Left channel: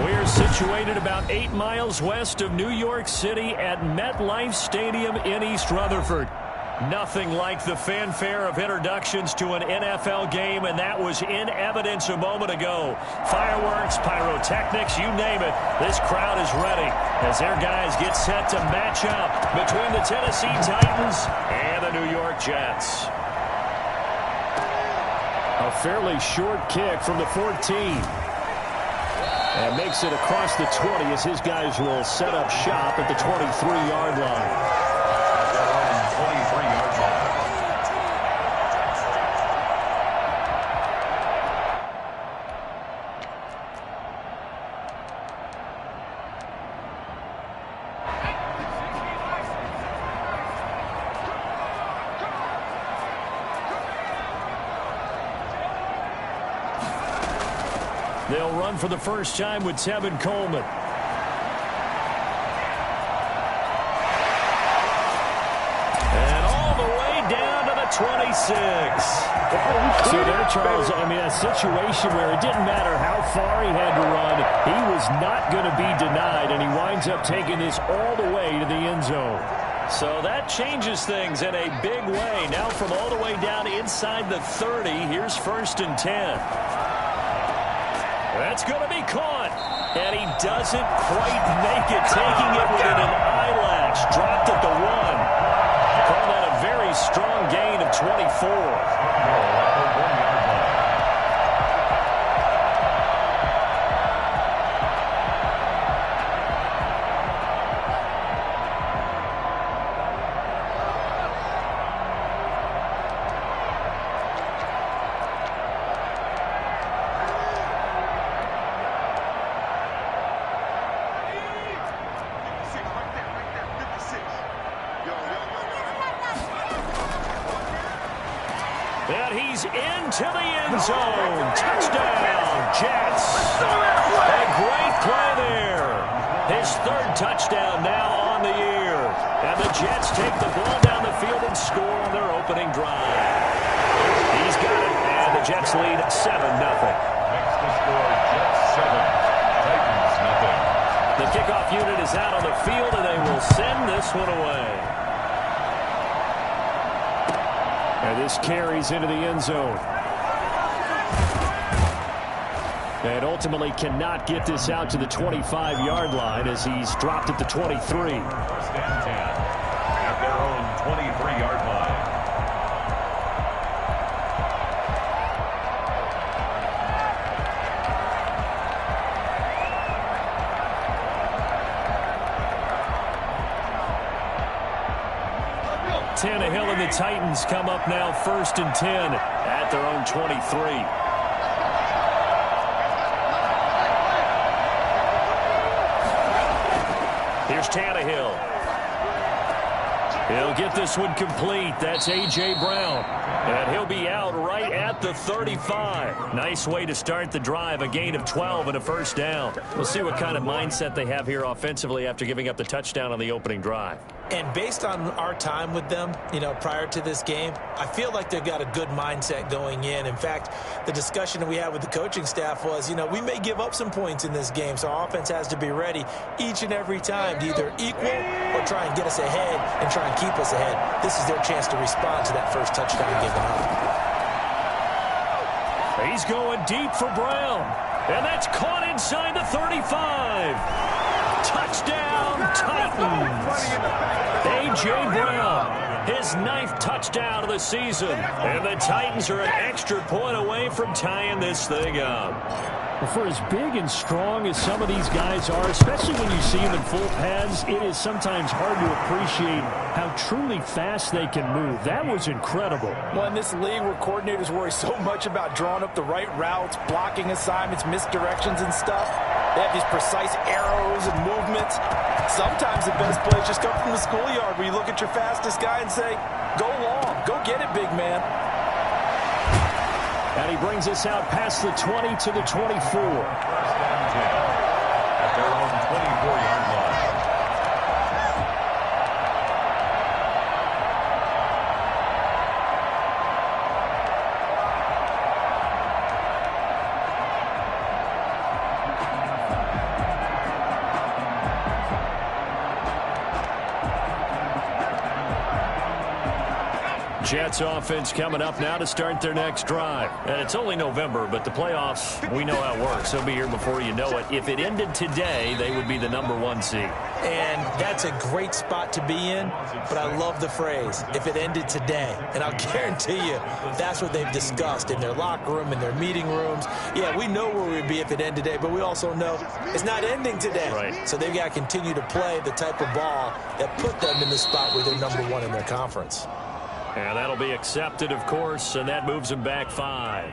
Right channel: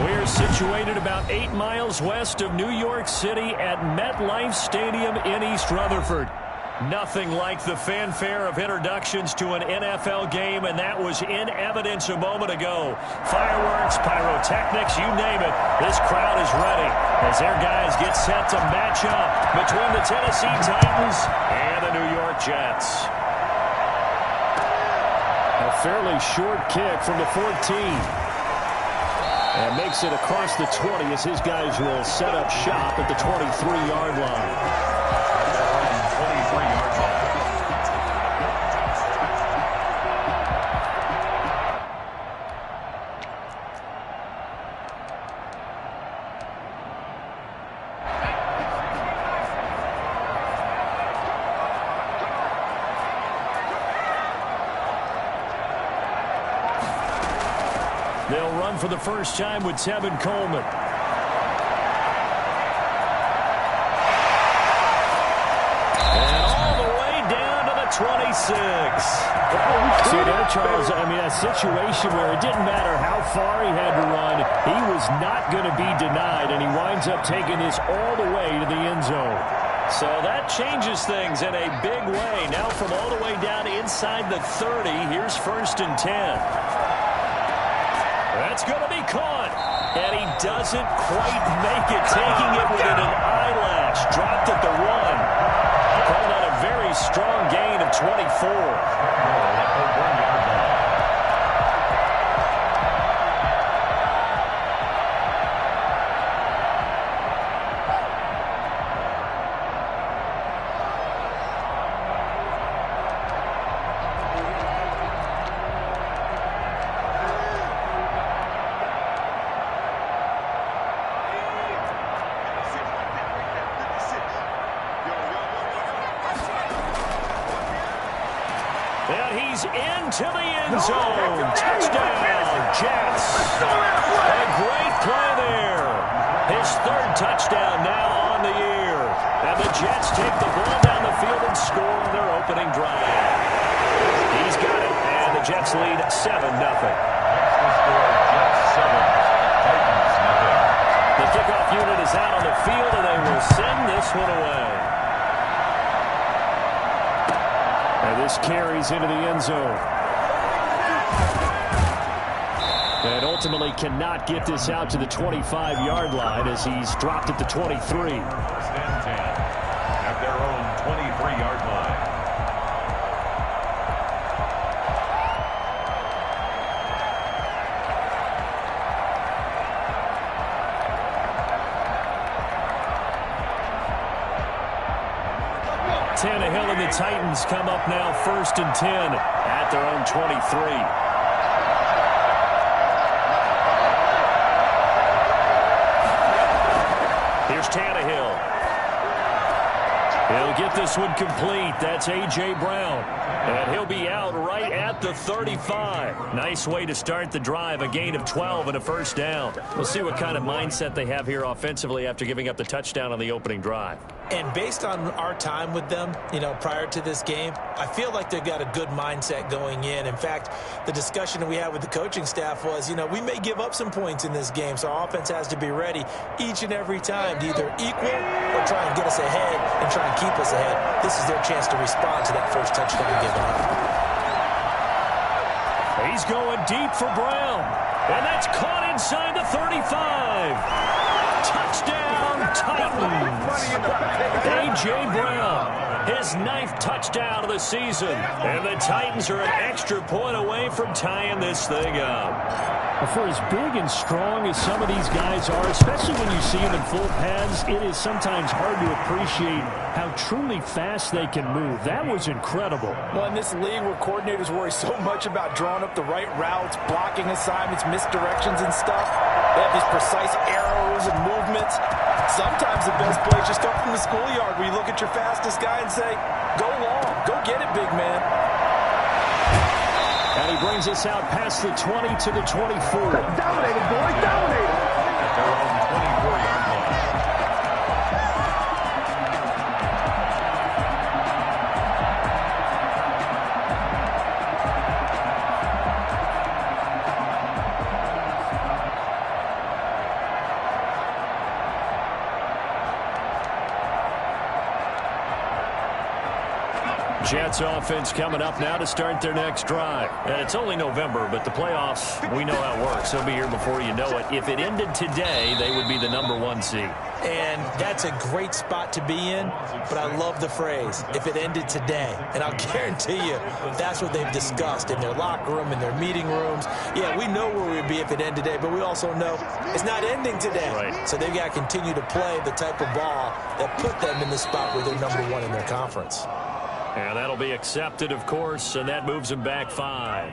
We're situated about 8 miles west of New York City at MetLife Stadium in East Rutherford. Nothing like the fanfare of introductions to an NFL game, and that was in evidence a moment ago. Fireworks, pyrotechnics, you name it. This crowd is ready as their guys get set to match up between the Tennessee Titans and the New York Jets. A fairly short kick from the 14. And makes it across the 20 as his guys will set up shop at the 23-yard line. 23-yard line. They'll run for the first time with Tevin Coleman. And all the way down to the 26. See there, Charles, I mean, a situation where it didn't matter how far he had to run. He was not going to be denied, and he winds up taking this all the way to the end zone. So that changes things in a big way. Now from all the way down inside the 30, here's 1st and 10. That's going to be caught. And he doesn't quite make it, taking it within an eyelash. Dropped at the 1. Call that a very strong gain of 24. 1-yard line. And he's into the end zone. Touchdown, Jets. A great play there. His 3rd touchdown now on the year. And the Jets take the ball down the field and score on their opening drive. He's got it, and the Jets lead 7-0. Makes the score Jets 7, Titans nothing. The kickoff unit is out on the field, and they will send this one away. And this carries into the end zone. And ultimately cannot get this out to the 25-yard line as he's dropped at the 23. 1st and 10 at their own 23-yard line. Tannehill and the Titans come up now 1st and 10 at their own 23. Here's Tannehill. He'll get this one complete. That's A.J. Brown. And he'll be out right at the 35. Nice way to start the drive. A gain of 12 and a 1st down. We'll see what kind of mindset they have here offensively after giving up the touchdown on the opening drive. And based on our time with them, prior to this game, I feel like they've got a good mindset going in. In fact, the discussion that we had with the coaching staff was, we may give up some points in this game, so our offense has to be ready each and every time to either equal or try and get us ahead and try and keep us ahead. This is their chance to respond to that first touchdown given up. He's going deep for Brown, and that's caught inside the 35. Touchdown, Titans. A.J. Brown, his 9th touchdown of the season. And the Titans are an extra point away from tying this thing up. Well, for as big and strong as some of these guys are, especially when you see them in full pads, it is sometimes hard to appreciate how truly fast they can move. That was incredible. Well, in this league where coordinators worry so much about drawing up the right routes, blocking assignments, misdirections and stuff, they have these precise arrows and movements. Sometimes the best plays just come from the schoolyard where you look at your fastest guy and say, go long, go get it, big man. And he brings us out past the 20 to the 24. At their own 24-yard line. Jets offense coming up now to start their next drive. And it's only November, but the playoffs, we know how it works. They'll be here before you know it. If it ended today, they would be the #1 seed. And that's a great spot to be in, but I love the phrase, if it ended today. And I'll guarantee you that's what they've discussed in their locker room, in their meeting rooms. Yeah, we know where we'd be if it ended today, but we also know it's not ending today. Right. So they've got to continue to play the type of ball that put them in the spot where they're #1 in their conference. And that'll be accepted, of course, and that moves them back 5.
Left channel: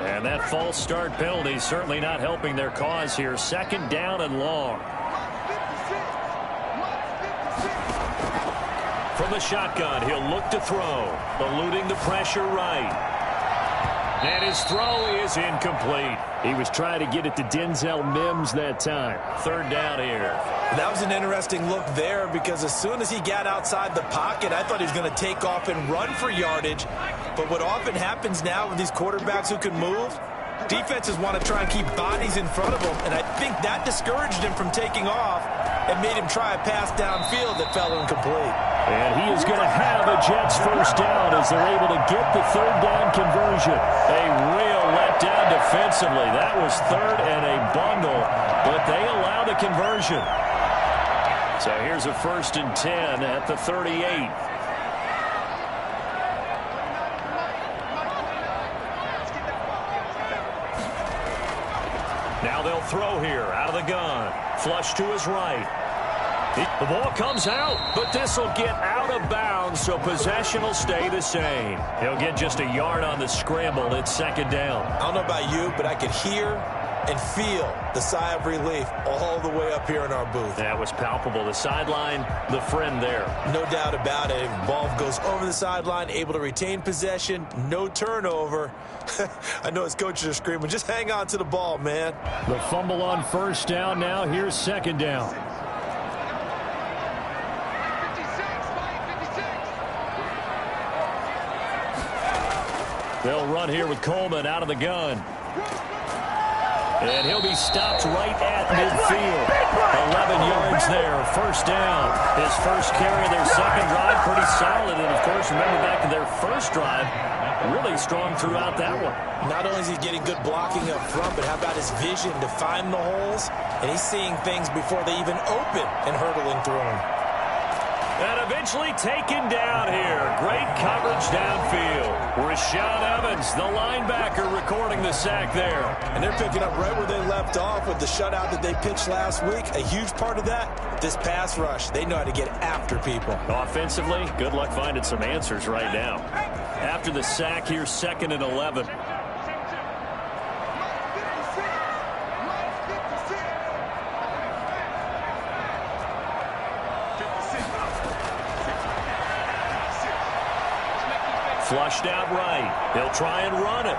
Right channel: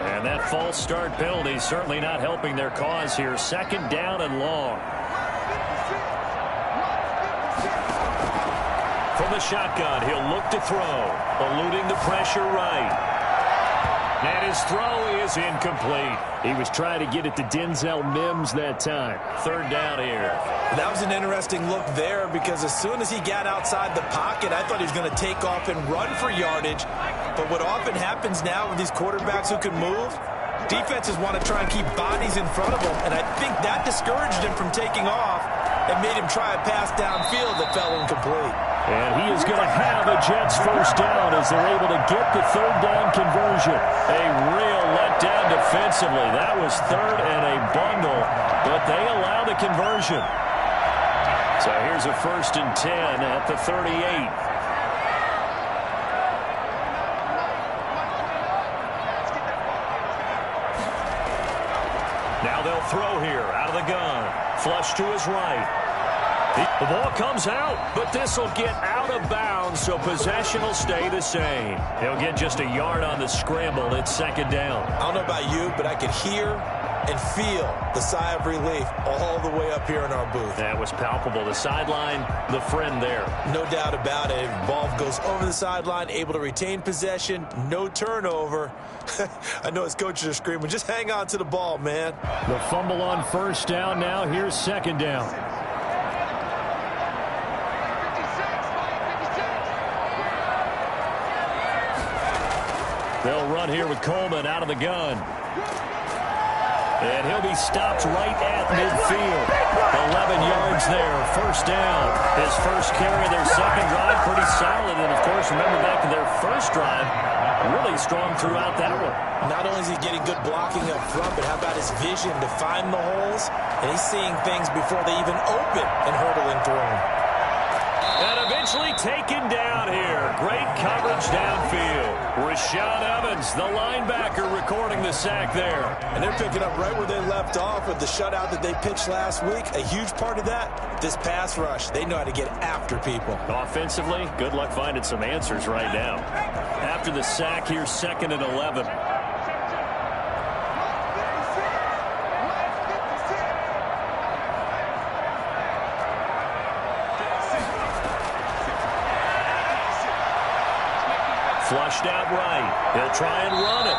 And that false start penalty certainly not helping their cause here. 2nd down and long. From the shotgun, he'll look to throw, eluding the pressure right. And his throw is incomplete. He was trying to get it to Denzel Mims that time. 3rd down here. That was an interesting look there because as soon as he got outside the pocket, I thought he was going to take off and run for yardage. But what often happens now with these quarterbacks who can move, defenses want to try and keep bodies in front of them, and I think that discouraged him from taking off and made him try a pass downfield that fell incomplete. And he is going to have a Jets 1st down as they're able to get the 3rd down conversion. A real letdown defensively. That was 3rd and a bundle, but they allow the conversion. So here's a 1st and 10 at the 38. Now they'll throw here out of the gun. Flush to his right. The ball comes out, but this will get out of bounds, so possession will stay the same. He'll get just a yard on the scramble. It's 2nd down. I don't know about you, but I could hear and feel the sigh of relief all the way up here in our booth. That was palpable. The sideline, the friend there. No doubt about it. Ball goes over the sideline, able to retain possession, no turnover. I know his coaches are screaming, just hang on to the ball, man. The fumble on 1st down now. Here's 2nd down. They'll run here with Coleman out of the gun. And he'll be stopped right at midfield. 11 yards there, 1st down. His first carry of their 2nd drive, pretty solid. And, of course, remember back to their 1st drive, really strong throughout that one. Not only is he getting good blocking up front, but how about his vision to find the holes? And he's seeing things before they even open and hurtling through them. And eventually taken down here. Great coverage downfield. Rashaan Evans, the linebacker, recording the sack there. And they're picking up right where they left off with the shutout that they pitched last week. A huge part of that, this pass rush. They know how to get after people. Offensively, good luck finding some answers right now. After the sack, here's 2nd and 11. Flushed out right. He'll try and run it.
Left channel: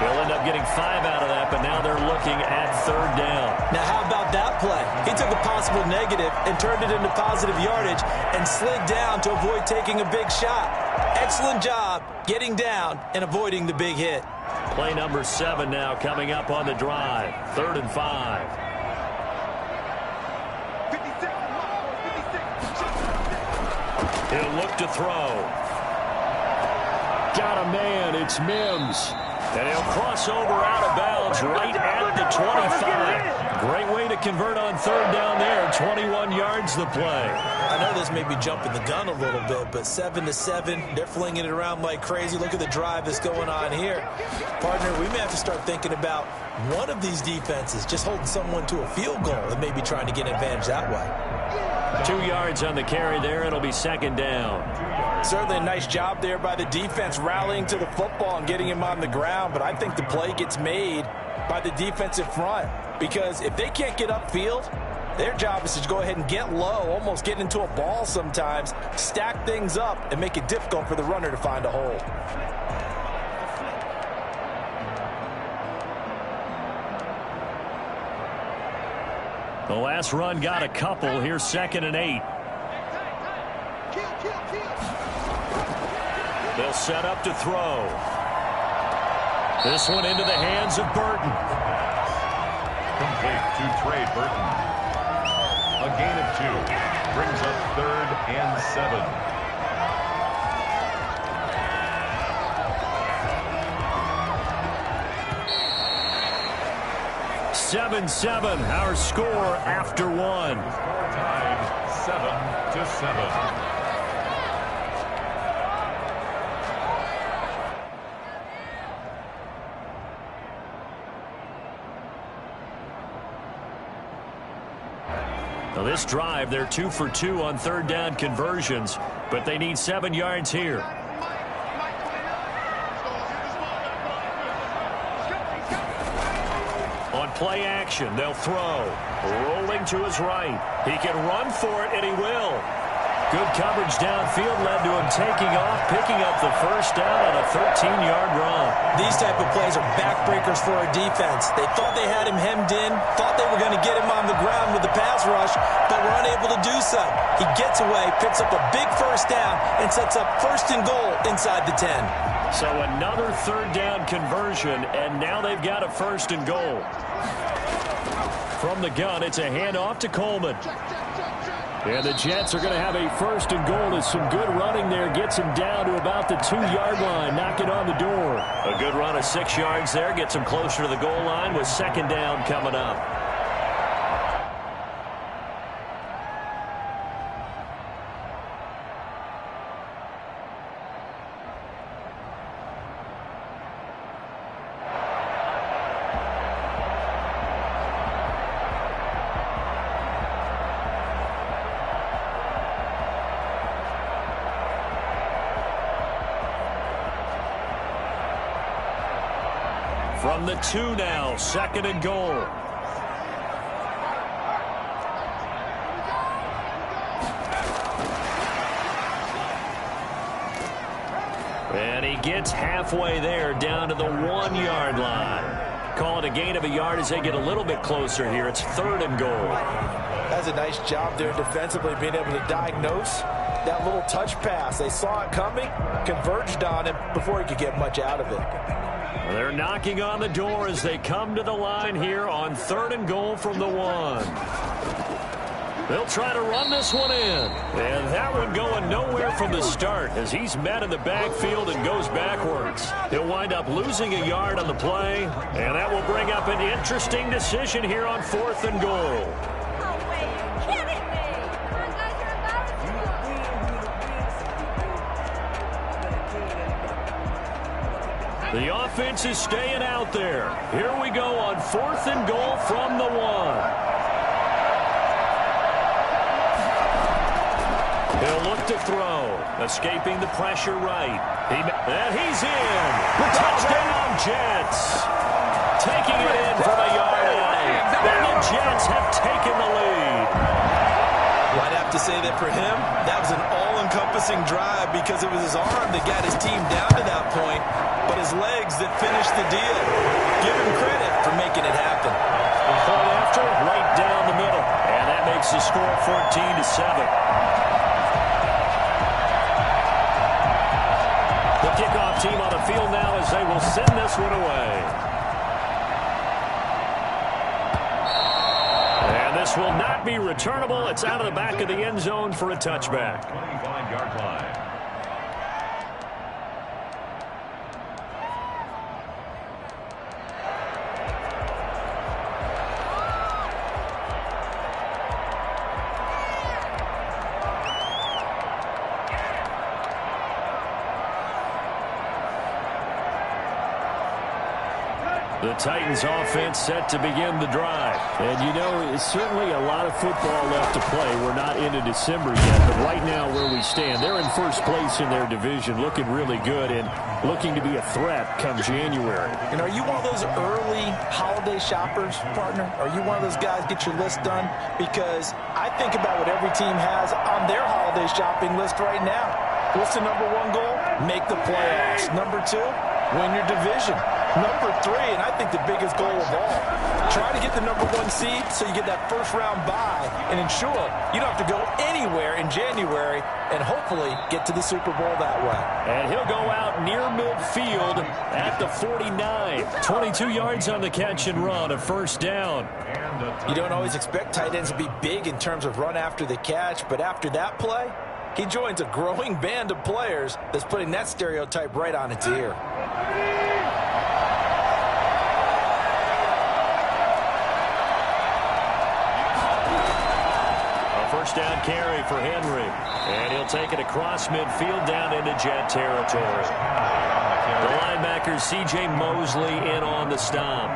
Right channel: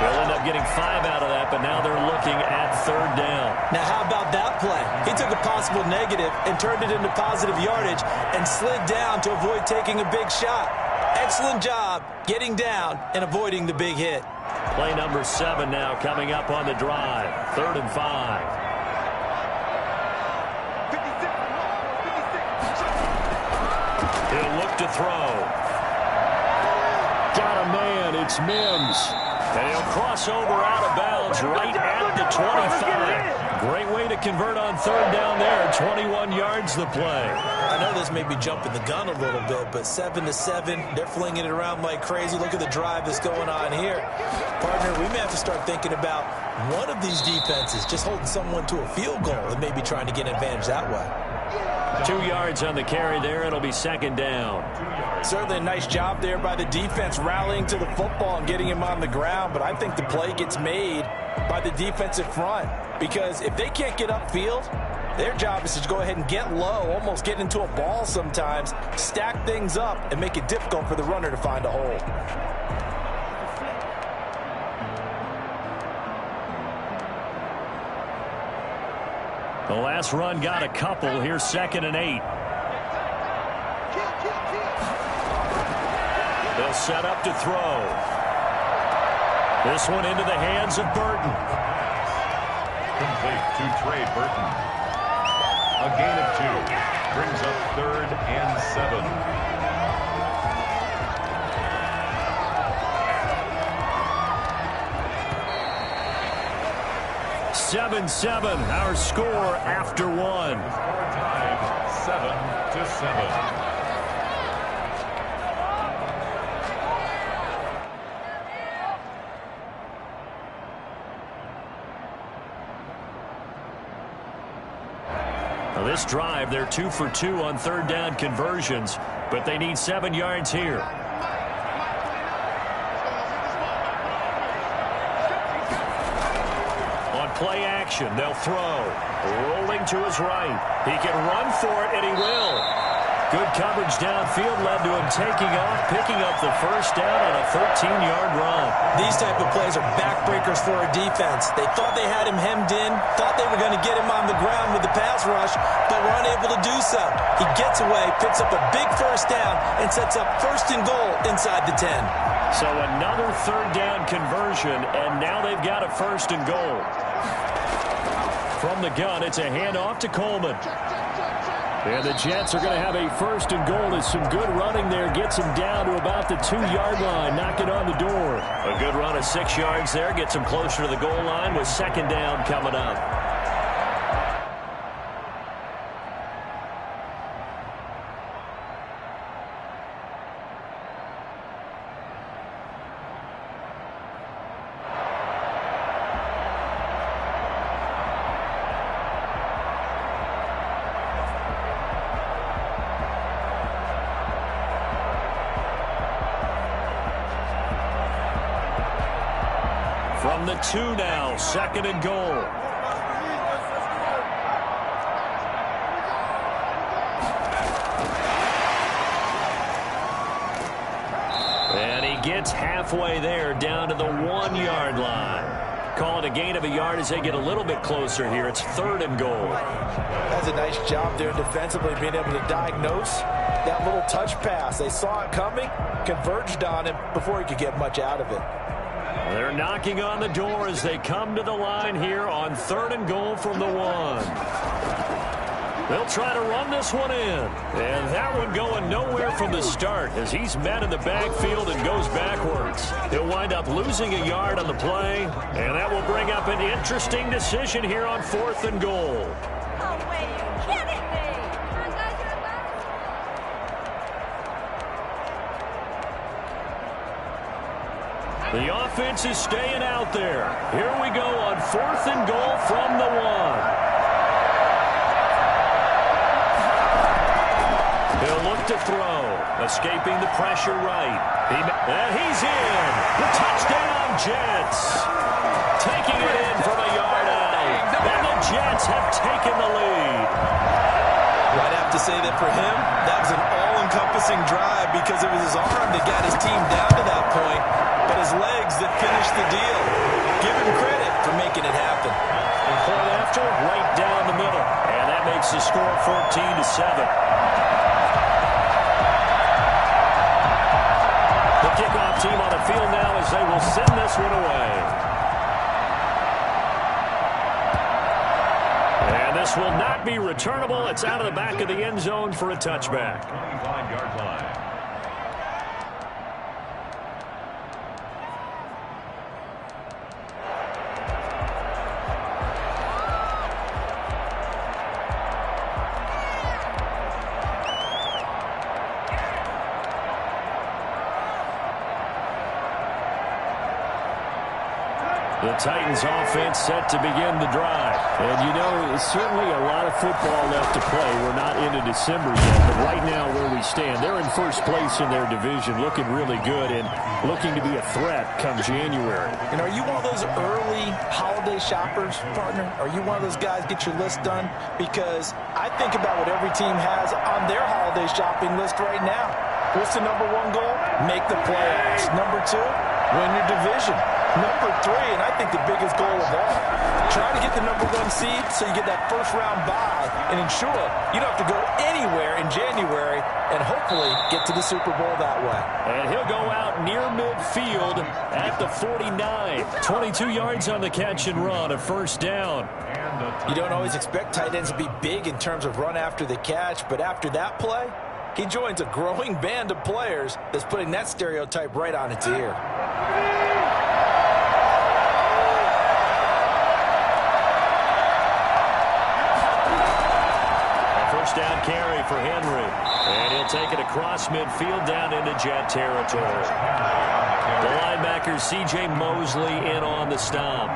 He'll end up getting 5 out of that, but now they're looking at 3rd down. Now, how about that play? He took a possible negative and turned it into positive yardage and slid down to avoid taking a big shot. Excellent job getting down and avoiding the big hit. Play number 7 now coming up on the drive. 3rd and 5. He'll look to throw. Got a man. It's Mims. And he'll cross over out of bounds right at the 25. Great way to convert on 3rd down there. 21 yards the play. I know this may be jumping the gun a little bit, but 7-7, they're flinging it around like crazy. Look at the drive that's going on here. Partner, we may have to start thinking about one of these defenses just holding someone to a field goal and maybe trying to get an advantage that way. 2 yards on the carry there. It'll be 2nd down. Certainly a nice job there by the defense rallying to the football and getting him on the ground, but I think the play gets made by the defensive front because if they can't get upfield, their job is to go ahead and get low, almost get into a ball sometimes, stack things up, and make it difficult for the runner to find a hole. The last run got a couple. Here's 2nd and 8. They'll set up to throw. This one into the hands of Burton. complete to Trey Burton. A gain of 2 brings up 3rd and 7. 7-7, our score after 1. Score tied 7-7. Now this drive, they're 2 for 2 on 3rd down conversions, but they need 7 yards here. On play action, they'll throw. Rolling to his right. He can run for it, and he will. Good coverage downfield led to him taking off, picking up the first down on a 13-yard run. These type of plays are backbreakers for a defense. They thought they had him hemmed in, thought they were going to get him on the ground with the pass rush, but were unable to do so. He gets away, picks up a big first down, and sets up 1st and goal inside the 10. So another 3rd down conversion, and now they've got a 1st and goal. From the gun, it's a handoff to Coleman. And the Jets are going to have a 1st and goal as some good running there gets him down to about the 2-yard line, knocking on the door. A good run of 6 yards there gets him closer to the goal line with 2nd down coming up. From the 2 now, 2nd and goal. And he gets halfway there down to the 1-yard line. Call it a gain of a yard as they get a little bit closer here. It's 3rd and goal. That's a nice job there defensively, being able to diagnose that little touch pass. They saw it coming, converged on it before he could get much out of it. They're knocking on the door as they come to the line here on 3rd and goal from the 1. They'll try to run this one in. And that one going nowhere from the start as he's met in the backfield and goes backwards. He'll wind up losing a yard on the play, and that will bring up an interesting decision here on 4th and goal. Oh, wait, you're kidding me. The offense is staying out there. Here we go on 4th and goal from the 1. He'll look to throw. Escaping the pressure right. And he's in. The touchdown, Jets. Taking it in from a yard out. And the Jets have taken the lead. I'd have to say that for him, that was an all-encompassing drive because it was his arm that got his team down to that point, but his legs that finished the deal. Give him credit for making it happen. Point after, right down the middle. And that makes the score 14-7. The kickoff team on the field now as they will send this one away. And this will not be returnable. It's out of the back of the end zone for a touchback. 25-yard line. The Titans offense set to begin the drive. And you know, it's certainly a lot of football left to play. We're not into December yet, but right now where we stand, they're in first place in their division, looking really good and looking to be a threat come January. And are you one of those early holiday shoppers, partner? Are you one of those guys get your list done? Because I think about what every team has on their holiday shopping list right now. What's the number 1 goal? Make the playoffs. Number 2, win your division. Number 3, and I think the biggest goal of all, Try to get the #1 seed so you get that first-round bye and ensure you don't have to go anywhere in January and hopefully get to the Super Bowl that way. And he'll go out near midfield at the 49. 22 yards on the catch and run, a first down. You don't always expect tight ends to be big in terms of run after the catch, but after that play, he joins a growing band of players that's putting that stereotype right on its ear. A first down carry for Henry. And he'll take it across midfield down into Jet territory. The linebacker C.J. Mosley in on the stop.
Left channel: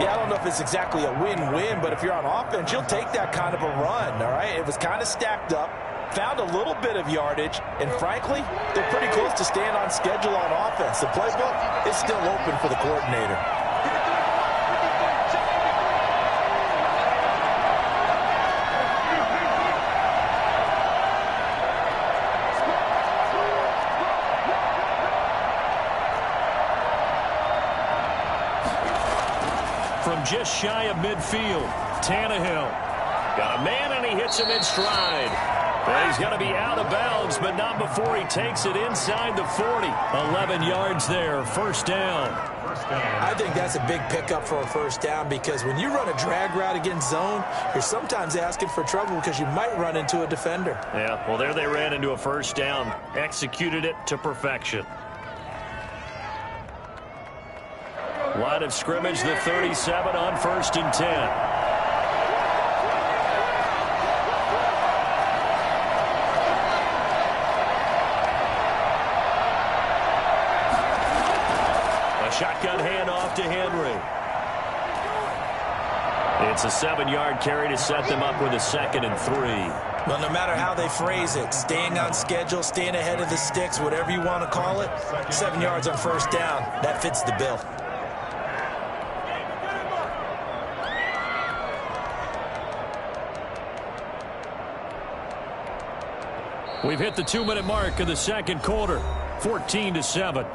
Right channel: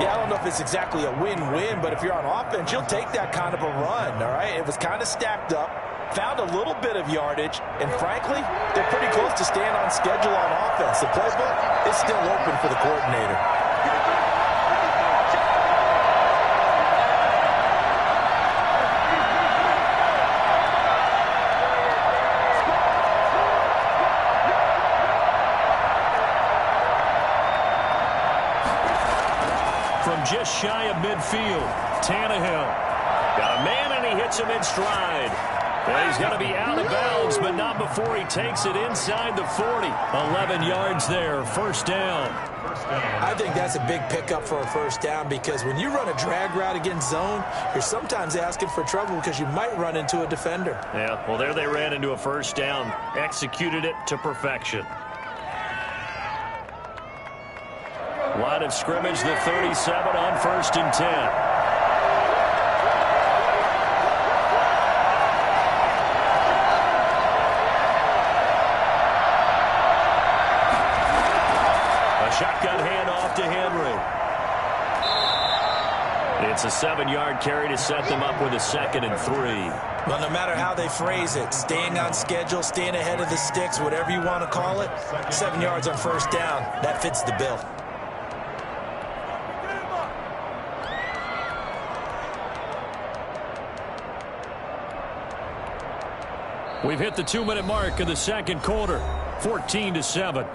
Yeah, I don't know if it's exactly a win-win, but if you're on offense, you'll take that kind of a run, all right? It was kind of stacked up, found a little bit of yardage, and frankly, they're pretty close to staying on schedule on offense. The playbook is still open for the coordinator. From just shy of midfield, Tannehill got a man and he hits him in stride. And he's going to be out of bounds, but not before he takes it inside the 40. 11 yards there, first down. I think that's a big pickup for a first down because when you run a drag route against zone, you're sometimes asking for trouble because you might run into a defender. Yeah, well, there they ran into a first down, executed it to perfection. Line of scrimmage, the 37 on 1st and 10. A shotgun handoff to Henry. It's a 7-yard carry to set them up with a 2nd and 3. Well, no matter how they phrase it, staying on schedule, staying ahead of the sticks, whatever you want to call it, 7 yards on first down, that fits the bill. We've hit the 2-minute mark of the second quarter, 14-7.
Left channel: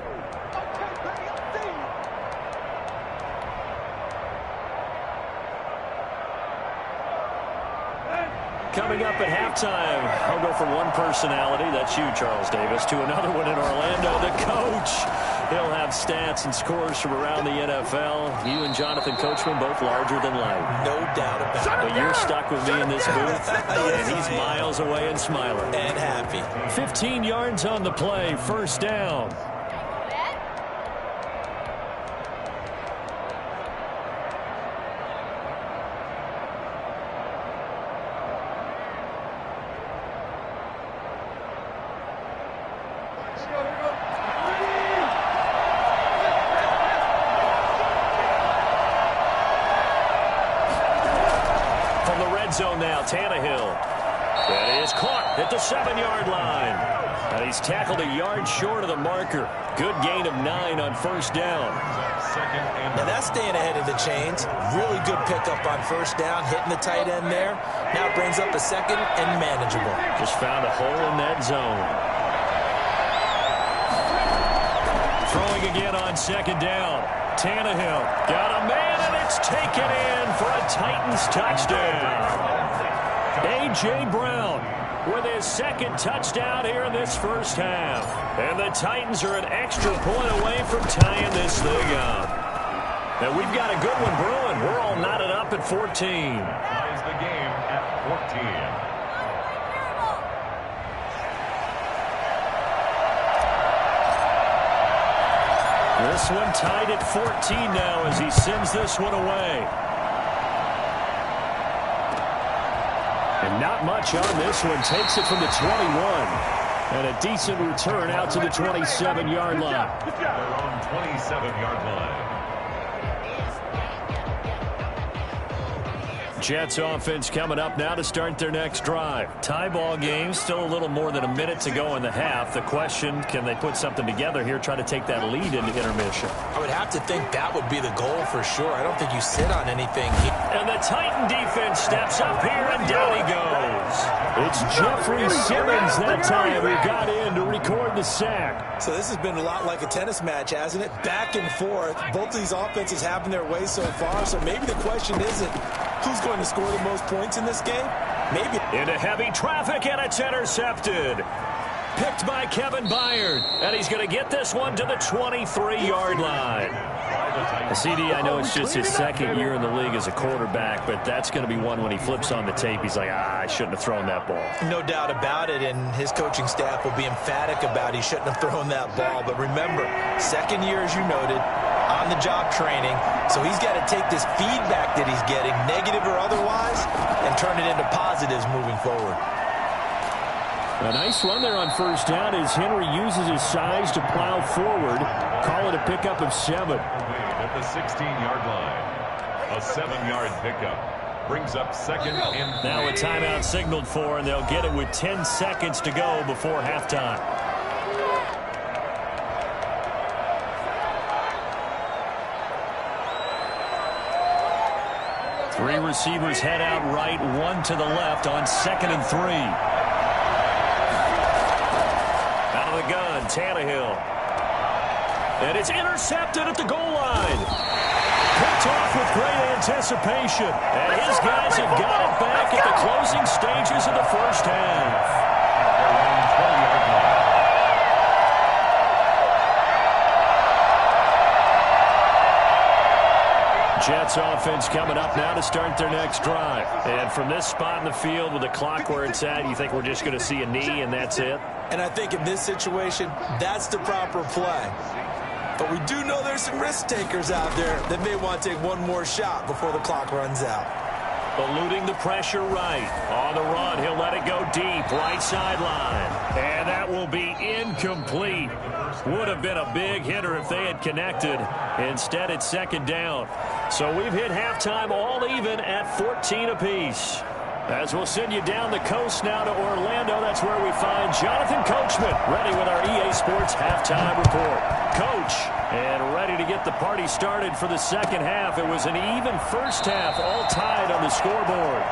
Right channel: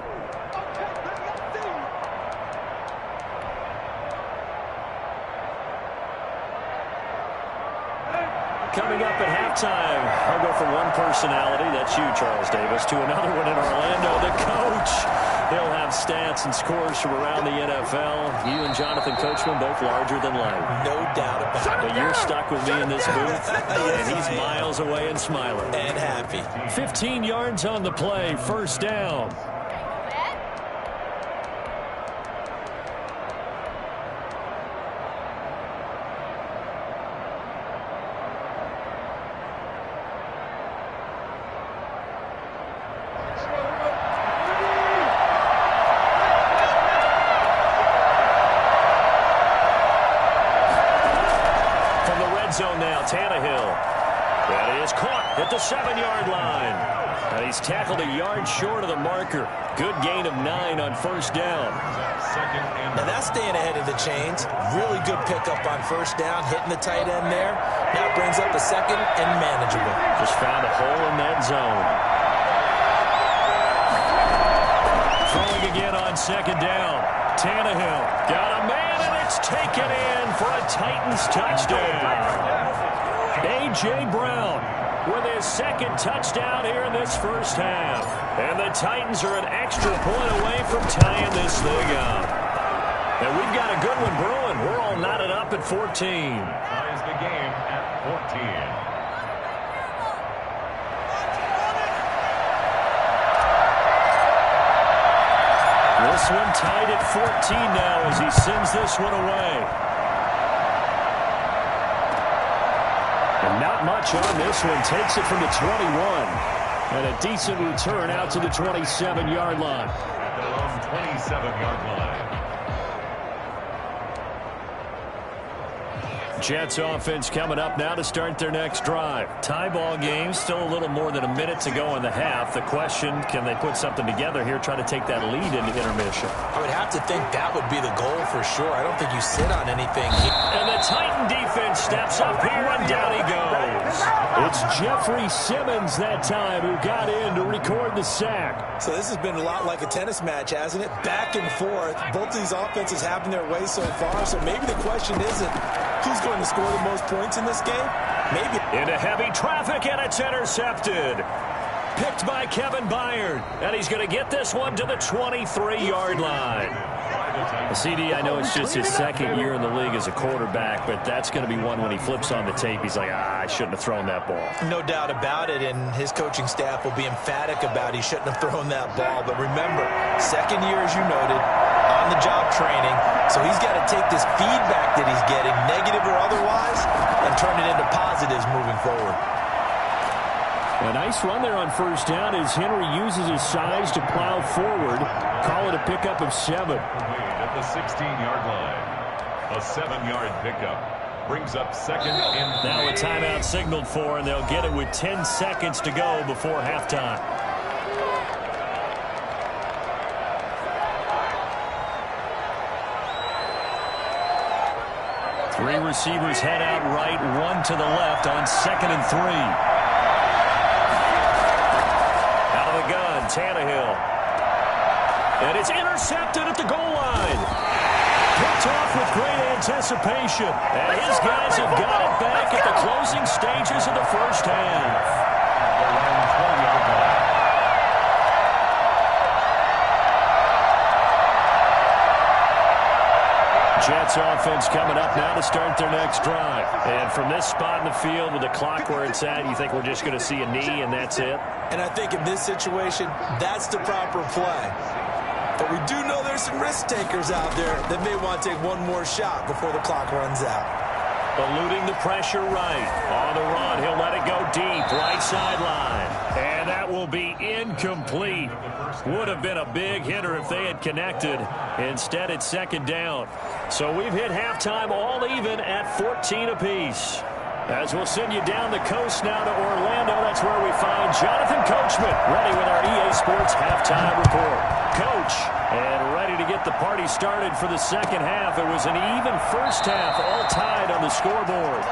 Coming up at halftime, I'll go from one personality, that's you, Charles Davis, to another one in Orlando, the coach. He'll have stats and scores from around the NFL. You and Jonathan Coachman, both larger than life. No doubt about it. But you're stuck with me in this booth, Yes, and he's miles away and smiling. And happy. 15 yards on the play, first down. From the red zone now, Tannehill. That is caught at the 7-yard line. And he's tackled a yard short of the marker. Good gain of 9 on first down. Now that's staying ahead of the chains. Really good pickup on first down, hitting the tight end there. Now it brings up a 2nd and manageable. Just found a hole in that zone. Throwing again on 2nd down. Tannehill got a man, and it's taken in for a Titans touchdown. A.J. Brown with his 2nd touchdown here in this first half. And the Titans are an extra point away from tying this thing up. And we've got a good one brewing. We're all knotted up at 14. Ties the game at 14. This one tied at 14 now as he sends this one away. And not much on this one. Takes it from the 21. And a decent return out to the 27-yard line. Their own 27-yard line. Jets offense coming up now to start their next drive. Tie ball game, still a little more than a minute to go in the half. The question, can they put something together here, try to take that lead into intermission? I would have to think that would be the goal for sure. I don't think you sit on anything here. And the Titan defense steps up here, and down he goes. It's Jeffrey Simmons that time who got in to record the sack. So this has been a lot like a tennis match, hasn't it? Back and forth. Both of these offenses having their way so far, so maybe the question isn't who's going to score the most points in this game. Maybe. Into heavy traffic, and it's intercepted. Picked by Kevin Byard, and he's going to get this one to the 23-yard line. CD, I know it's just his second year in the league as a quarterback, but that's going to be one when he flips on the tape. He's like, I shouldn't have thrown that ball. No doubt about it, and his coaching staff will be emphatic about he shouldn't have thrown that ball. But remember, second year, as you noted, on-the-job training, so he's got to take this feedback that he's getting, negative or otherwise, and turn it into positives moving forward. A nice run there on first down as Henry uses his size to plow forward. Call it a pickup of 7. At the 16-yard line. A 7-yard pickup brings up second and 3. Now a timeout signaled for, and they'll get it with 10 seconds to go before halftime. Three receivers head out right, one to the left on 2nd and 3. Out of the gun, Tannehill. And it's intercepted at the goal line. Picked off with great anticipation. And his guys have got it back at the closing stages of the first half. Around 20-yard line. Jets offense coming up now to start their next drive. And from this spot in the field with the clock where it's at, you think we're just going to see a knee and that's it? And I think in this situation, that's the proper play. But we do know there's some risk takers out there that may want to take one more shot before the clock runs out. Eluding the pressure right. On the run, he'll let it go deep, right sideline. And that will be incomplete. Would have been a big hitter if they had connected. Instead, it's second down. So we've hit halftime all even at 14 apiece. As we'll send you down the coast now to Orlando, that's where we find Jonathan Coachman, ready with our EA Sports halftime report. Coach, and ready to get the party started for the second half. It was an even first half, all tied on the scoreboard.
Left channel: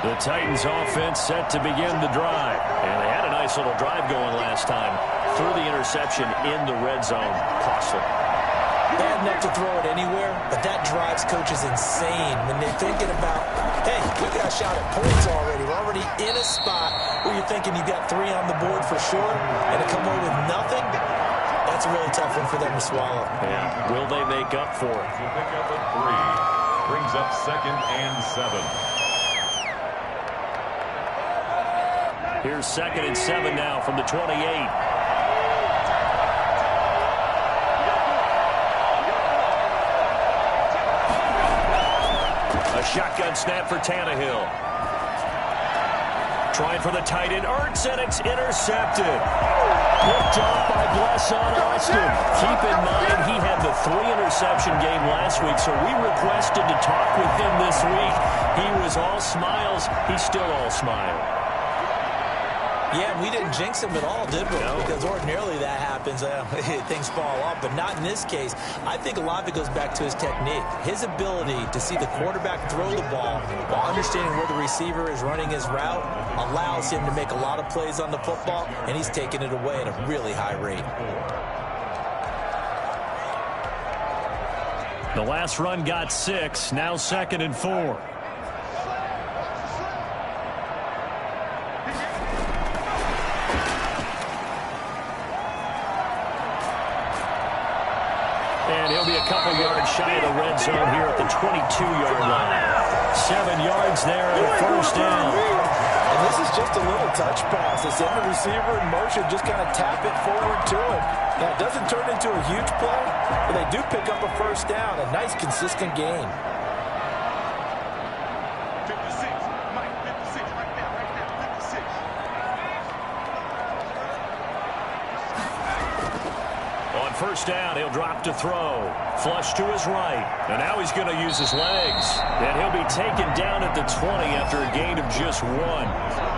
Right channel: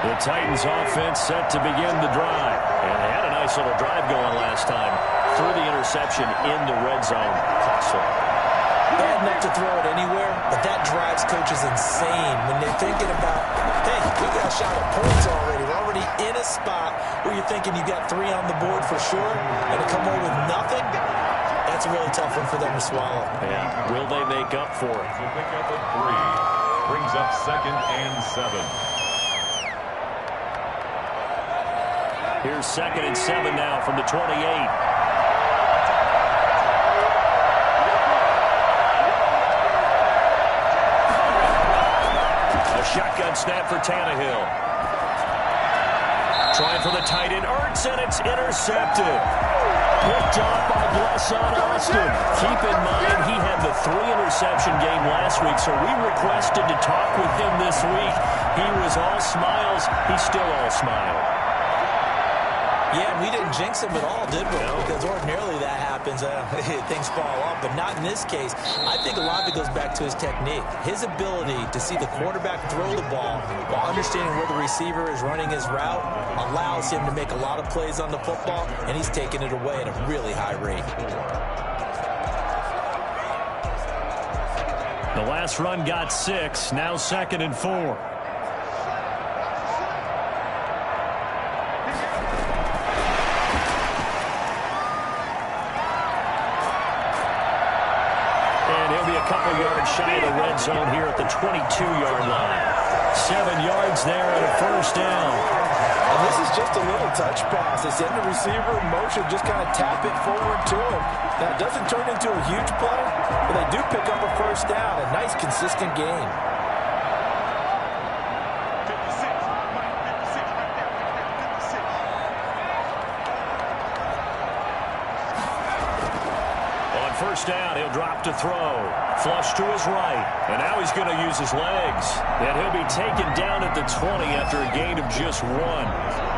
The Titans offense set to begin the drive. And they had a nice little drive going last time. Threw the interception in the red zone. Costly. Bad enough to throw it anywhere, but that drives coaches insane when they're thinking about, hey, we got a shot at points already. We're already in a spot where you're thinking you got 3 on the board for sure, and to come away with nothing, that's a really tough one for them to swallow. Yeah, will they make up for it? Will pick up a 3. Brings up 2nd and 7. Here's 2nd and 7 now from the 28. A shotgun snap for Tannehill. Trying for the tight end, Ertz, and it's intercepted. Picked off by Blesson Austin. Keep in mind, he had the 3-interception game last week, so we requested to talk with him this week. He was all smiles. He's still all smile. Yeah, we didn't jinx him at all, did we? No. Because ordinarily that happens. Things fall off, but not in this case. I think a lot of it goes back to his technique. His ability to see the quarterback throw the ball while understanding where the receiver is running his route allows him to make a lot of plays on the football, and he's taking it away at a really high rate. The last run got 6, now 2nd and 4. And he'll be a couple yards shy of the red zone here at the 22-yard line. 7 yards there and a first down. And this is just a little touch pass. They send the receiver in motion, just kind of tap it forward to him. Now, it doesn't turn into a huge play, but they do pick up a first down. A nice, consistent gain. first down. He'll drop to throw. Flush to his right. And now he's going to use his legs. And he'll be taken down at the 20 after a gain of just 1.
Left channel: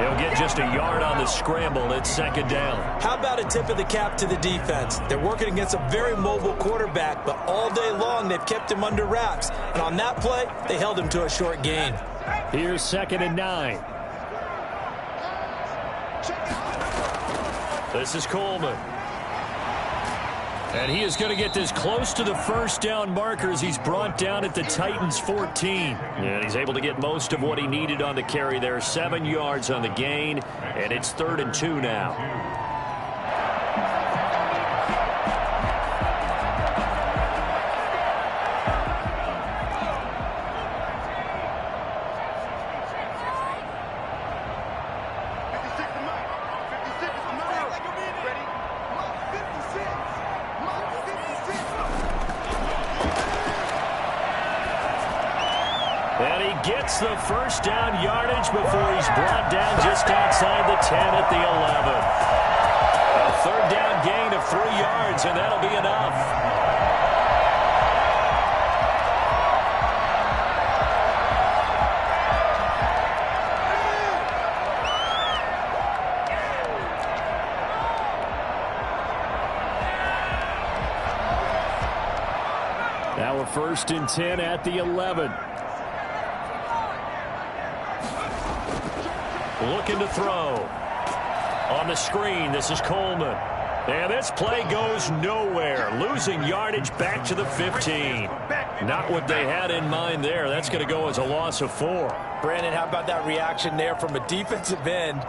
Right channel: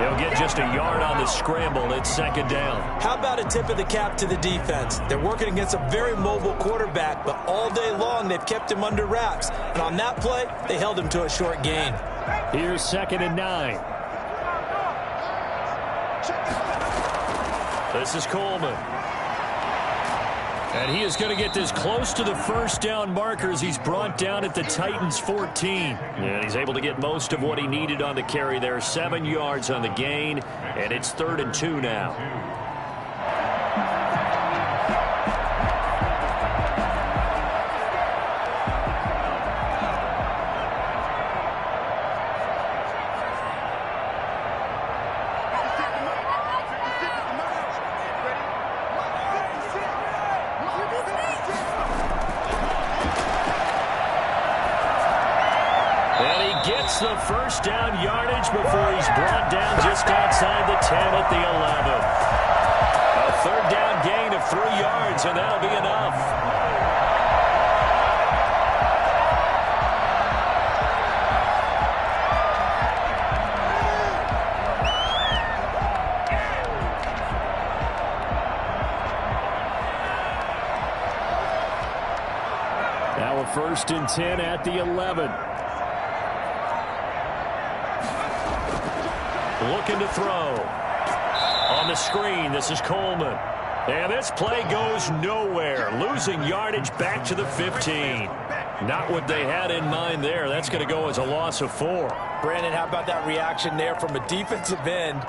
He'll get just a yard on the scramble. It's second down. How about a tip of the cap to the defense? They're working against a very mobile quarterback, but all day long they've kept him under wraps. And on that play, they held him to a short gain. Here's 2nd and 9. This is Coleman. And he is going to get this close to the first down marker as he's brought down at the Titans 14. And he's able to get most of what he needed on the carry there. 7 yards on the gain, and it's 3rd and 2 now. And he gets the first down yardage before he's brought down just outside the 10 at the 11. A 3rd down gain of 3 yards, and that'll be enough. Now a 1st and 10 at the 11. Looking to throw. On the screen, this is Coleman. And this play goes nowhere. Losing yardage back to the 15. Not what they had in mind there. That's going to go as a loss of 4. Brandon, how about that reaction there from a defensive end?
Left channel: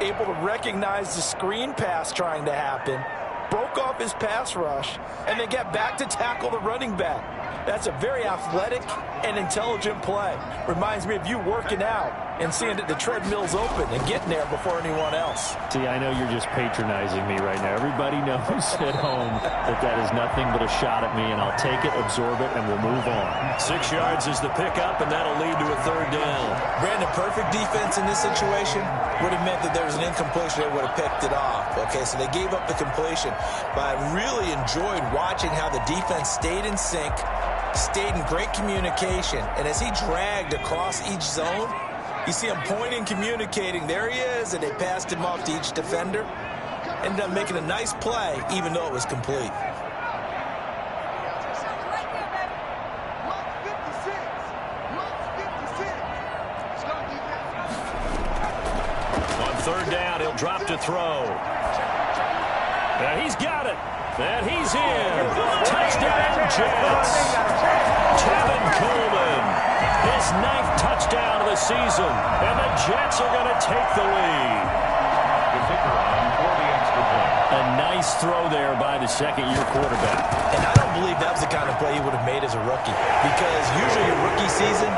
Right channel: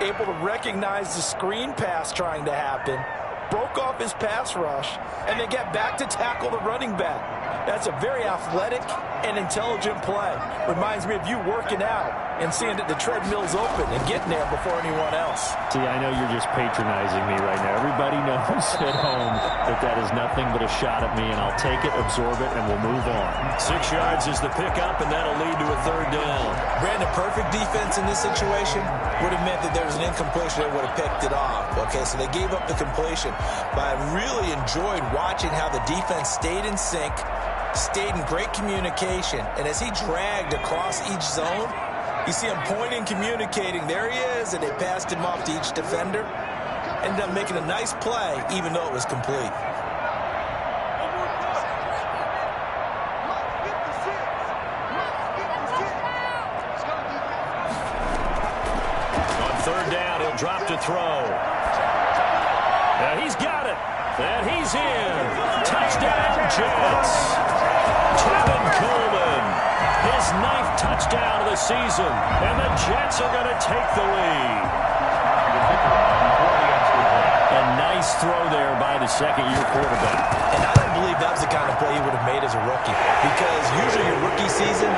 Able to recognize the screen pass trying to happen. Broke off his pass rush, and then get back to tackle the running back. That's a very athletic and intelligent play. Reminds me of you working out and seeing that the treadmill's open and getting there before anyone else. See, I know you're just patronizing me right now. Everybody knows at home that that is nothing but a shot at me, and I'll take it, absorb it, and we'll move on. 6 yards is the pickup, and that'll lead to a 3rd down. Brandon, perfect defense in this situation would have meant that there was an incompletion. They would have picked it off. Okay, so they gave up the completion. But I really enjoyed watching how the defense stayed in sync, stayed in great communication, and as he dragged across each zone, you see him pointing, communicating. There he is, and they passed him off to each defender. Ended up making a nice play, even though it was complete. On 3rd down, he'll drop to throw. And he's got it. And he's in. Touchdown, Jets. Tevin Coleman. His 9th touchdown of the season. And the Jets are going to take the lead. The kicker on for the extra point. A nice throw there by the 2nd-year quarterback. And I don't believe that was the kind of play he would have made as a rookie. Because usually your rookie season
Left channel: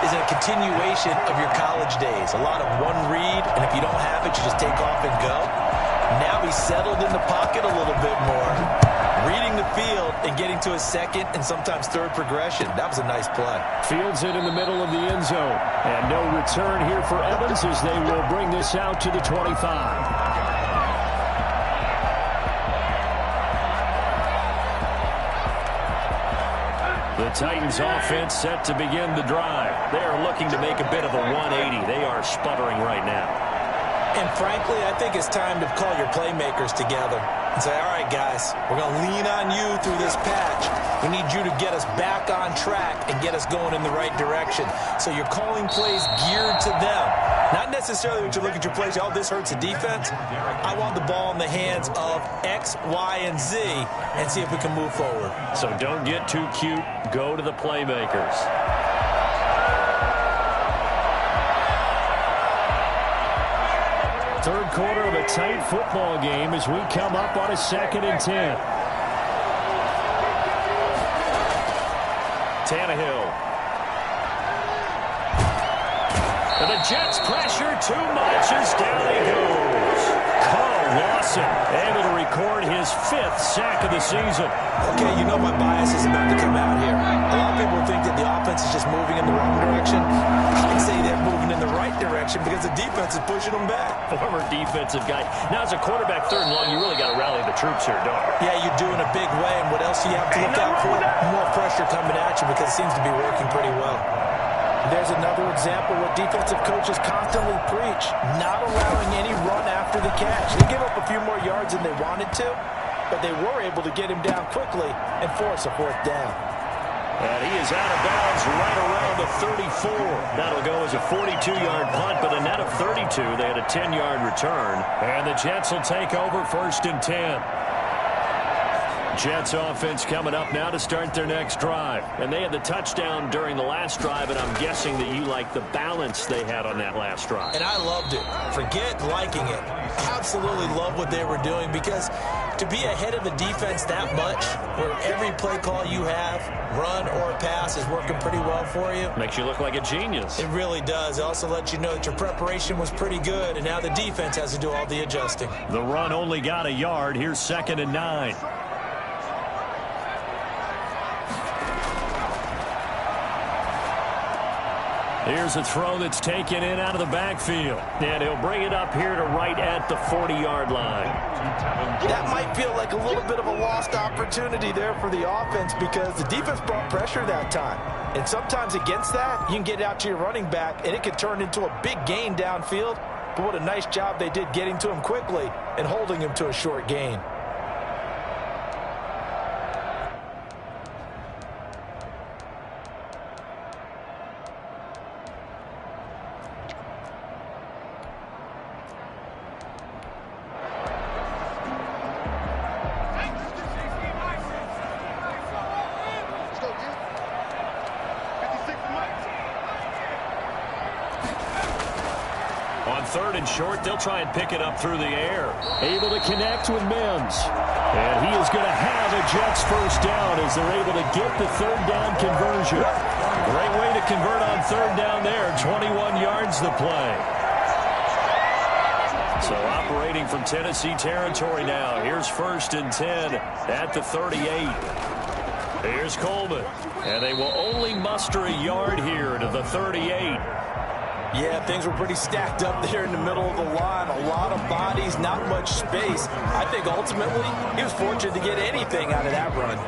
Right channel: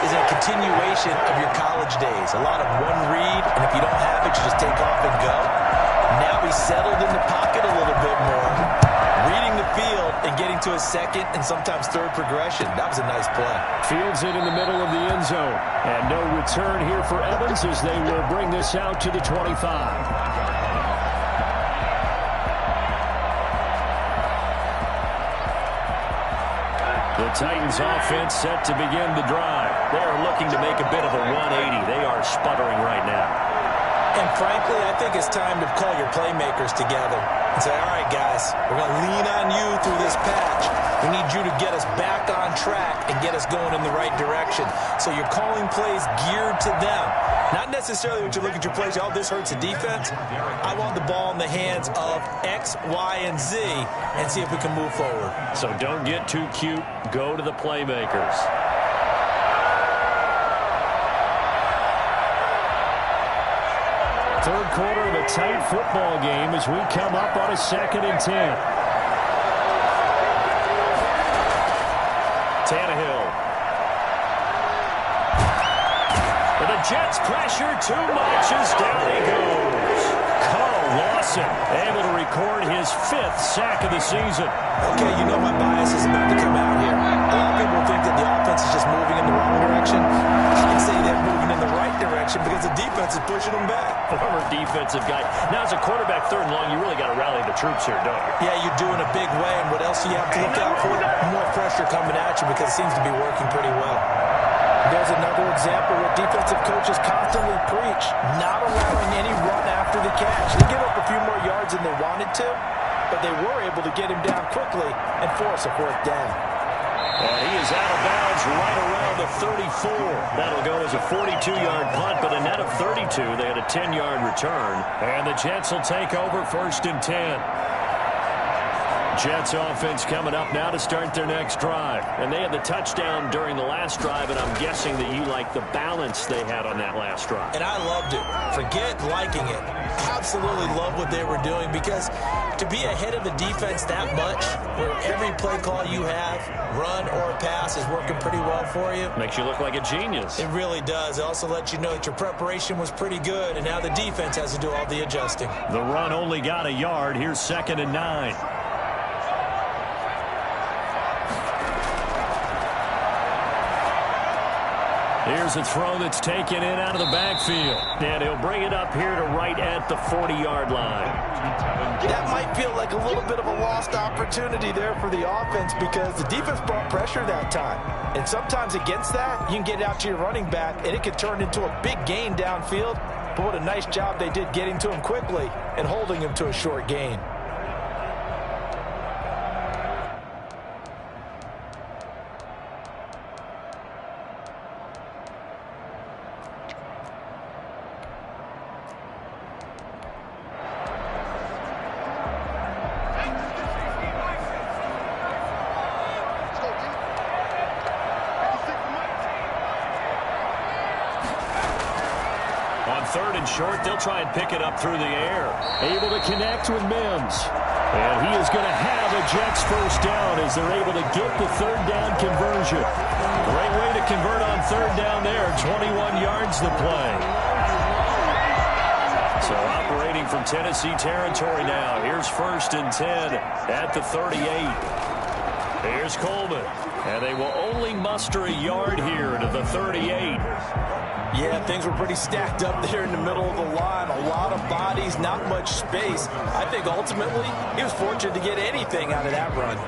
is a continuation of your college days. A lot of one read, and if you don't have it, you just take off and go. Now he's settled in the pocket a little bit more, reading the field and getting to his 2nd and sometimes 3rd progression. That was a nice play. Fields it in the middle of the end zone. And no return here for Evans as they will bring this out to the 25. The Titans offense set to begin the drive. They are looking to make a bit of a 180. They are sputtering right now. And frankly, I think it's time to call your playmakers together and say, all right, guys, we're going to lean on you through this patch. We need you to get us back on track and get us going in the right direction. So you're calling plays geared to them. Not necessarily when you look at your plays, oh, this hurts the defense. I want the ball in the hands of X, Y, and Z and see if we can move forward. So don't get too cute. Go to the playmakers. Third quarter of a tight football game as we come up on a 2nd and 10. Tannehill. And the Jets pressure too much as down he goes. Carl Lawson able to record his 5th sack of the season. Okay, you know my bias is about to come out here. A lot of people think that the offense is just moving in the wrong direction. I'd say they're moving in the right direction. direction because the defense is pushing them back. Former defensive guy. Now, as a quarterback, 3rd and long, you really got to rally the troops here, don't you? Yeah, you do in a big way. And what else do you have to look out for? More pressure coming at you because it seems to be working pretty well. There's another example where defensive coaches constantly preach, not allowing any run after the catch. They give up a few more yards than they wanted to, but they were able to get him down quickly and force a 4th down. And he is out of bounds right around the 34. That'll go as a 42-yard punt, but a net of 32. They had a 10-yard return. And the Jets will take over 1st and 10. Jets offense coming up now to start their next drive. And they had the touchdown during the last drive, and I'm guessing that you like the balance they had on that last drive. And I loved it. Forget liking it. Absolutely love what they were doing because to be ahead of the defense that much, where every play call you have, run or pass, is working pretty well for you. Makes you look like a genius. It really does. It also lets you know that your preparation was pretty good, and now the defense has to do all the adjusting. The run only got a yard. Here's 2nd and 9. Here's a throw that's taken in out of the backfield. And he'll bring it up here to right at the 40-yard line. That might feel like a little bit of a lost opportunity there for the offense because the defense brought pressure that time. And sometimes against that, you can get it out to your running back, and it can turn into a big gain downfield. But what a nice job they did getting to him quickly and holding him to a short gain. On 3rd and short, they'll try and pick it up through the air. Able to connect with Mims. And he is going to have a Jets 1st down as they're able to get the 3rd down conversion. Great way to convert on 3rd down there. 21 yards the play. So operating from Tennessee territory now. Here's 1st and 10 at the 38. Here's Coleman. And they will only muster a yard here to the 38. Yeah, things were pretty stacked up there in the middle of the line. A lot of bodies, not much space. I think ultimately he was fortunate to get anything out of that run.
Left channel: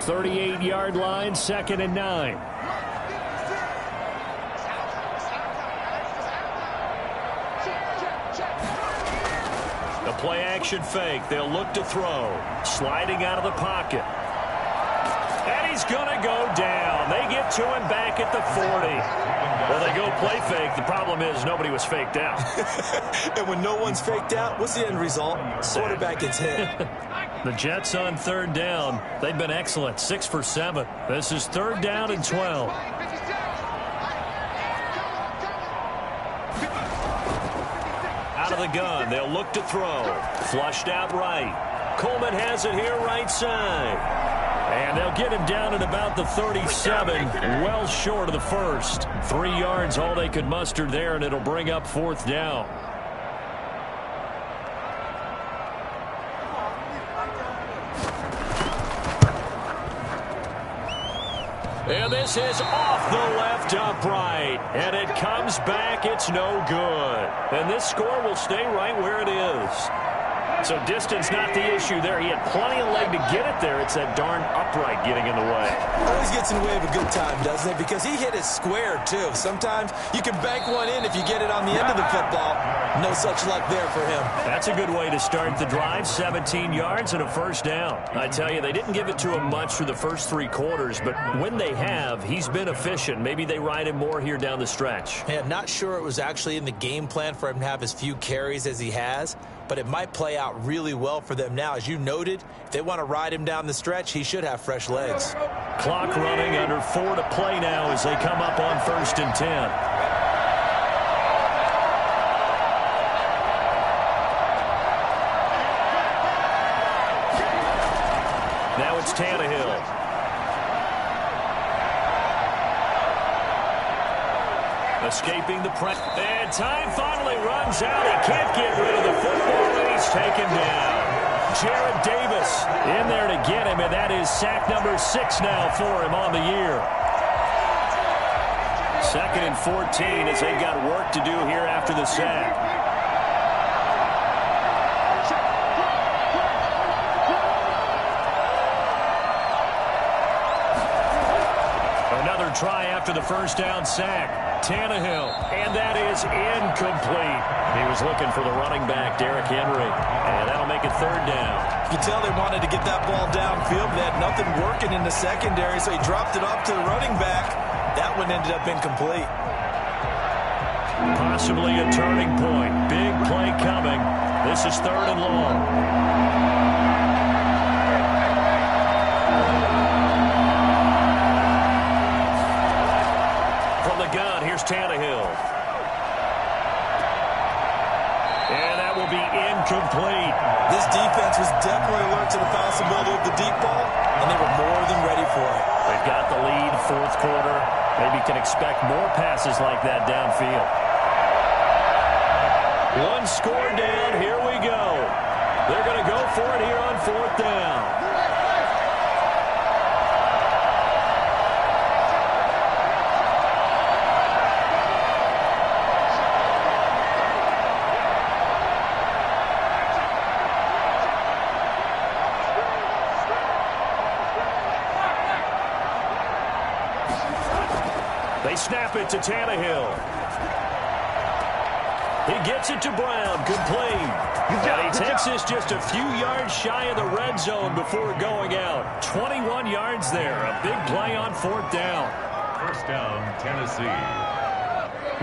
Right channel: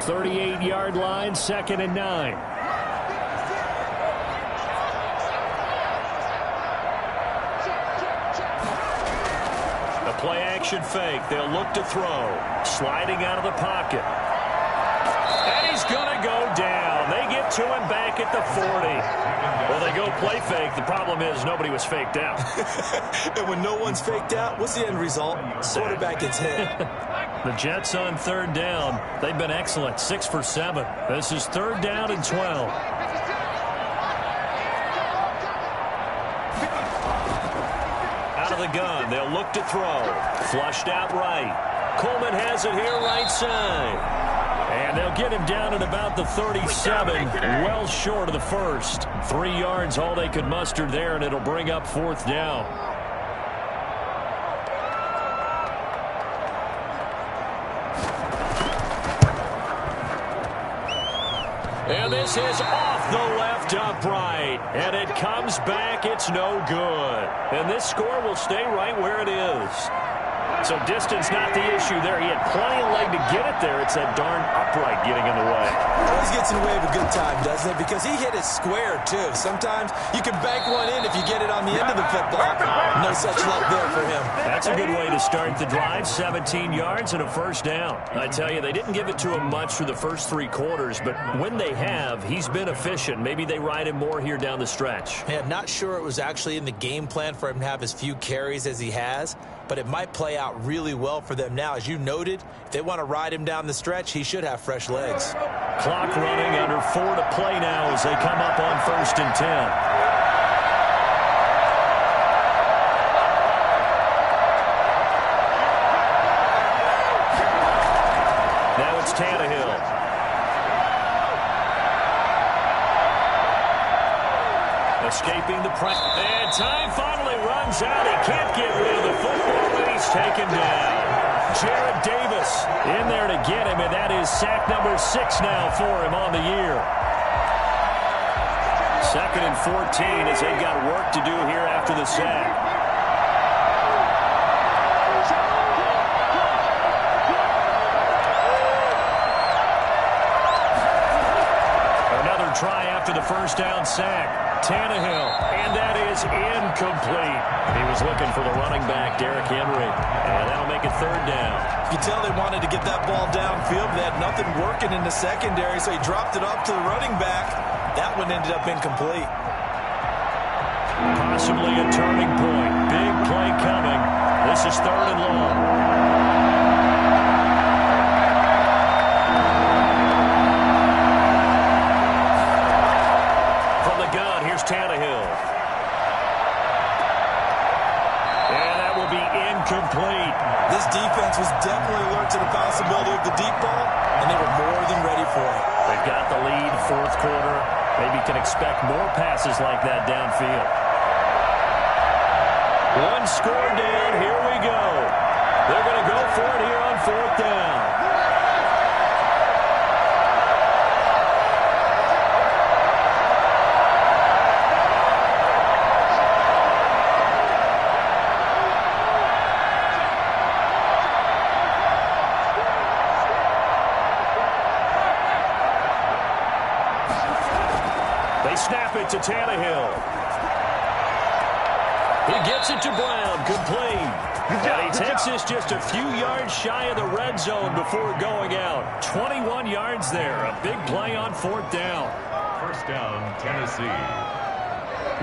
38-yard line, 2nd and 9. The play action fake. They'll look to throw. Sliding out of the pocket. And he's going to go down. They get to him back at the 40. Well, they go play fake. The problem is nobody was faked out. And when no one's faked out, what's the end result? Quarterback gets hit. The Jets on 3rd down. They've been excellent. 6 for 7. This is 3rd down and 12. Out of the gun. They'll look to throw. Flushed out right. Coleman has it here right side. And they'll get him down at about the 37, well short of the 1st. 3 yards, all they could muster there, and it'll bring up 4th down. And this is off the left upright. And it comes back. It's no good. And this score will stay right where it is. So distance not the issue there. He had plenty of leg to get it there. It's that darn upright getting in the way. Always gets in the way of a good time, doesn't it? Because he hit it square, too. Sometimes you can bank one in if you get it on the end of the football. No such luck there for him. That's a good way to start the drive. 17 yards and a 1st down. I tell you, they didn't give it to him much for the first 3 quarters, but when they have, he's been efficient. Maybe they ride him more here down the stretch. Yeah, I'm not sure it was actually in the game plan for him to have as few carries as he has, but it might play out really well for them now. As you noted, if they want to ride him down the stretch, he should have fresh legs. Clock running, under 4 to play now as they come up on 1st and 10. Now it's Tannehill. Escaping the press. And time finally runs out. He can't get rid of the football, and he's taken down. Jared Davis in there to get him, and that is sack number 6 now for him on the year. 2nd and 14 as they've got work to do here after the sack. Another try after the first down sack. Tannehill, and that is incomplete. He was looking for the running back, Derrick Henry, and that'll make it 3rd down. You can tell they wanted to get that ball downfield, but they had nothing working in the secondary, so he dropped it off to the running back. That one ended up incomplete. Possibly a turning point. Big play coming. This is 3rd and long. From the gun, here's Tannehill. And that will be incomplete. This defense was definitely alert to the possibility of the deep ball, and they were more than ready for it. They've got the lead, 4th quarter. Maybe can expect more passes like that downfield. One score down, here we go. They're going to go for it here on 4th down. They snap it to Tannehill. He gets it to Brown, complete. And he takes this just a few yards shy of the red zone before going out. 21 yards there, a big play on 4th down. 1st down, Tennessee.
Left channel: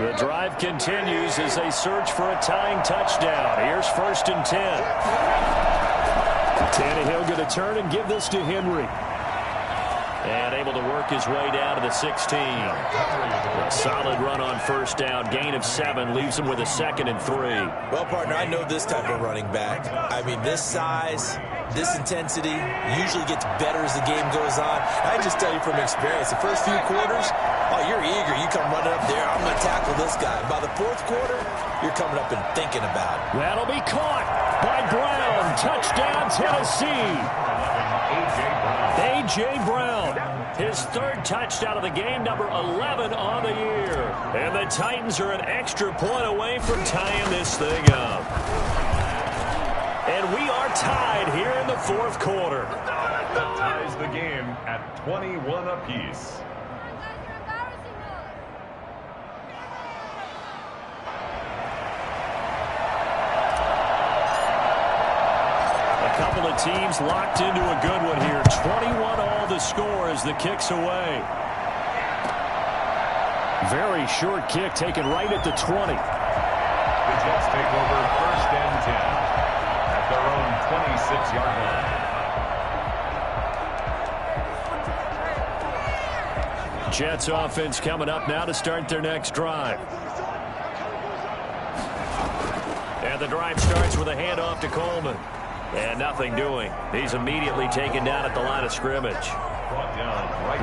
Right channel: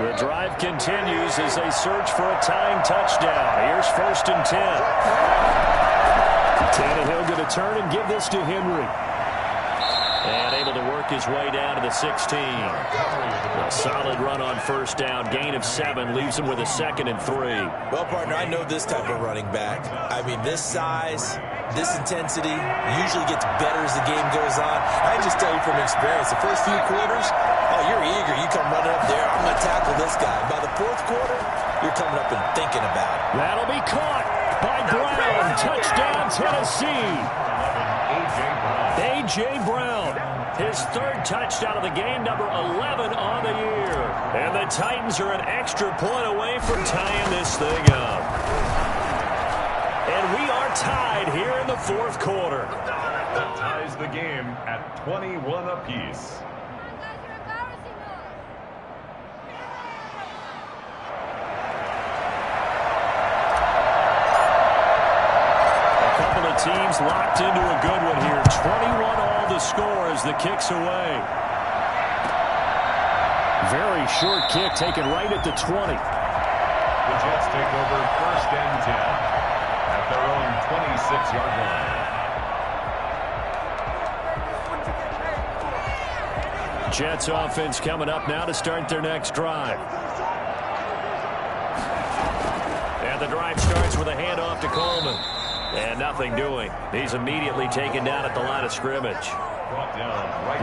The drive continues as they search for a tying touchdown. Here's 1st and 10. Tannehill going to turn and give this to Henry. And able to work his way down to the 16. A solid run on 1st down. Gain of 7 leaves him with a 2nd and 3. Well, partner, I know this type of running back. I mean, this size, this intensity usually gets better as the game goes on. I just tell you from experience, the first few quarters, oh, you're eager. You come running up there. I'm going to tackle this guy. By the 4th quarter, you're coming up and thinking about it. That'll be caught by Brown. Touchdown, Tennessee. A.J. Brown, his 3rd touchdown of the game, number 11 on the year. And the Titans are an extra point away from tying this thing up. And we are tied here in the 4th quarter. That ties the game at 21 apiece. Couple of teams locked into a good one here. 21 all the score as the kick's away. Very short kick taken right at the 20. The Jets take over 1st and 10 at their own 26-yard line. Jets offense coming up now to start their next drive. And the drive starts with a handoff to Coleman. And nothing doing. He's immediately taken down at the line of scrimmage.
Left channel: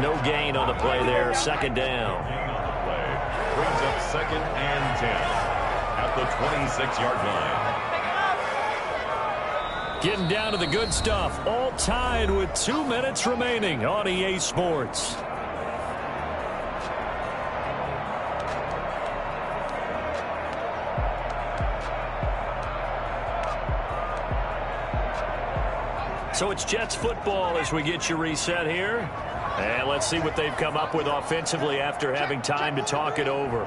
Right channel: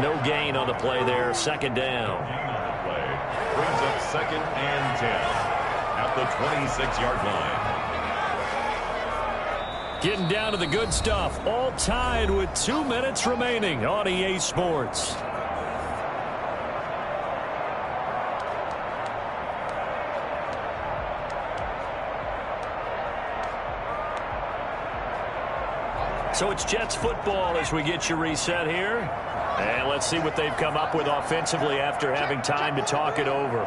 No gain on the play there. 2nd down. Brings up 2nd and 10 at the 26-yard line. Getting down to the good stuff. All tied with 2 minutes remaining on EA Sports. So it's Jets football as we get you reset here. And let's see what they've come up with offensively after having time to talk it over.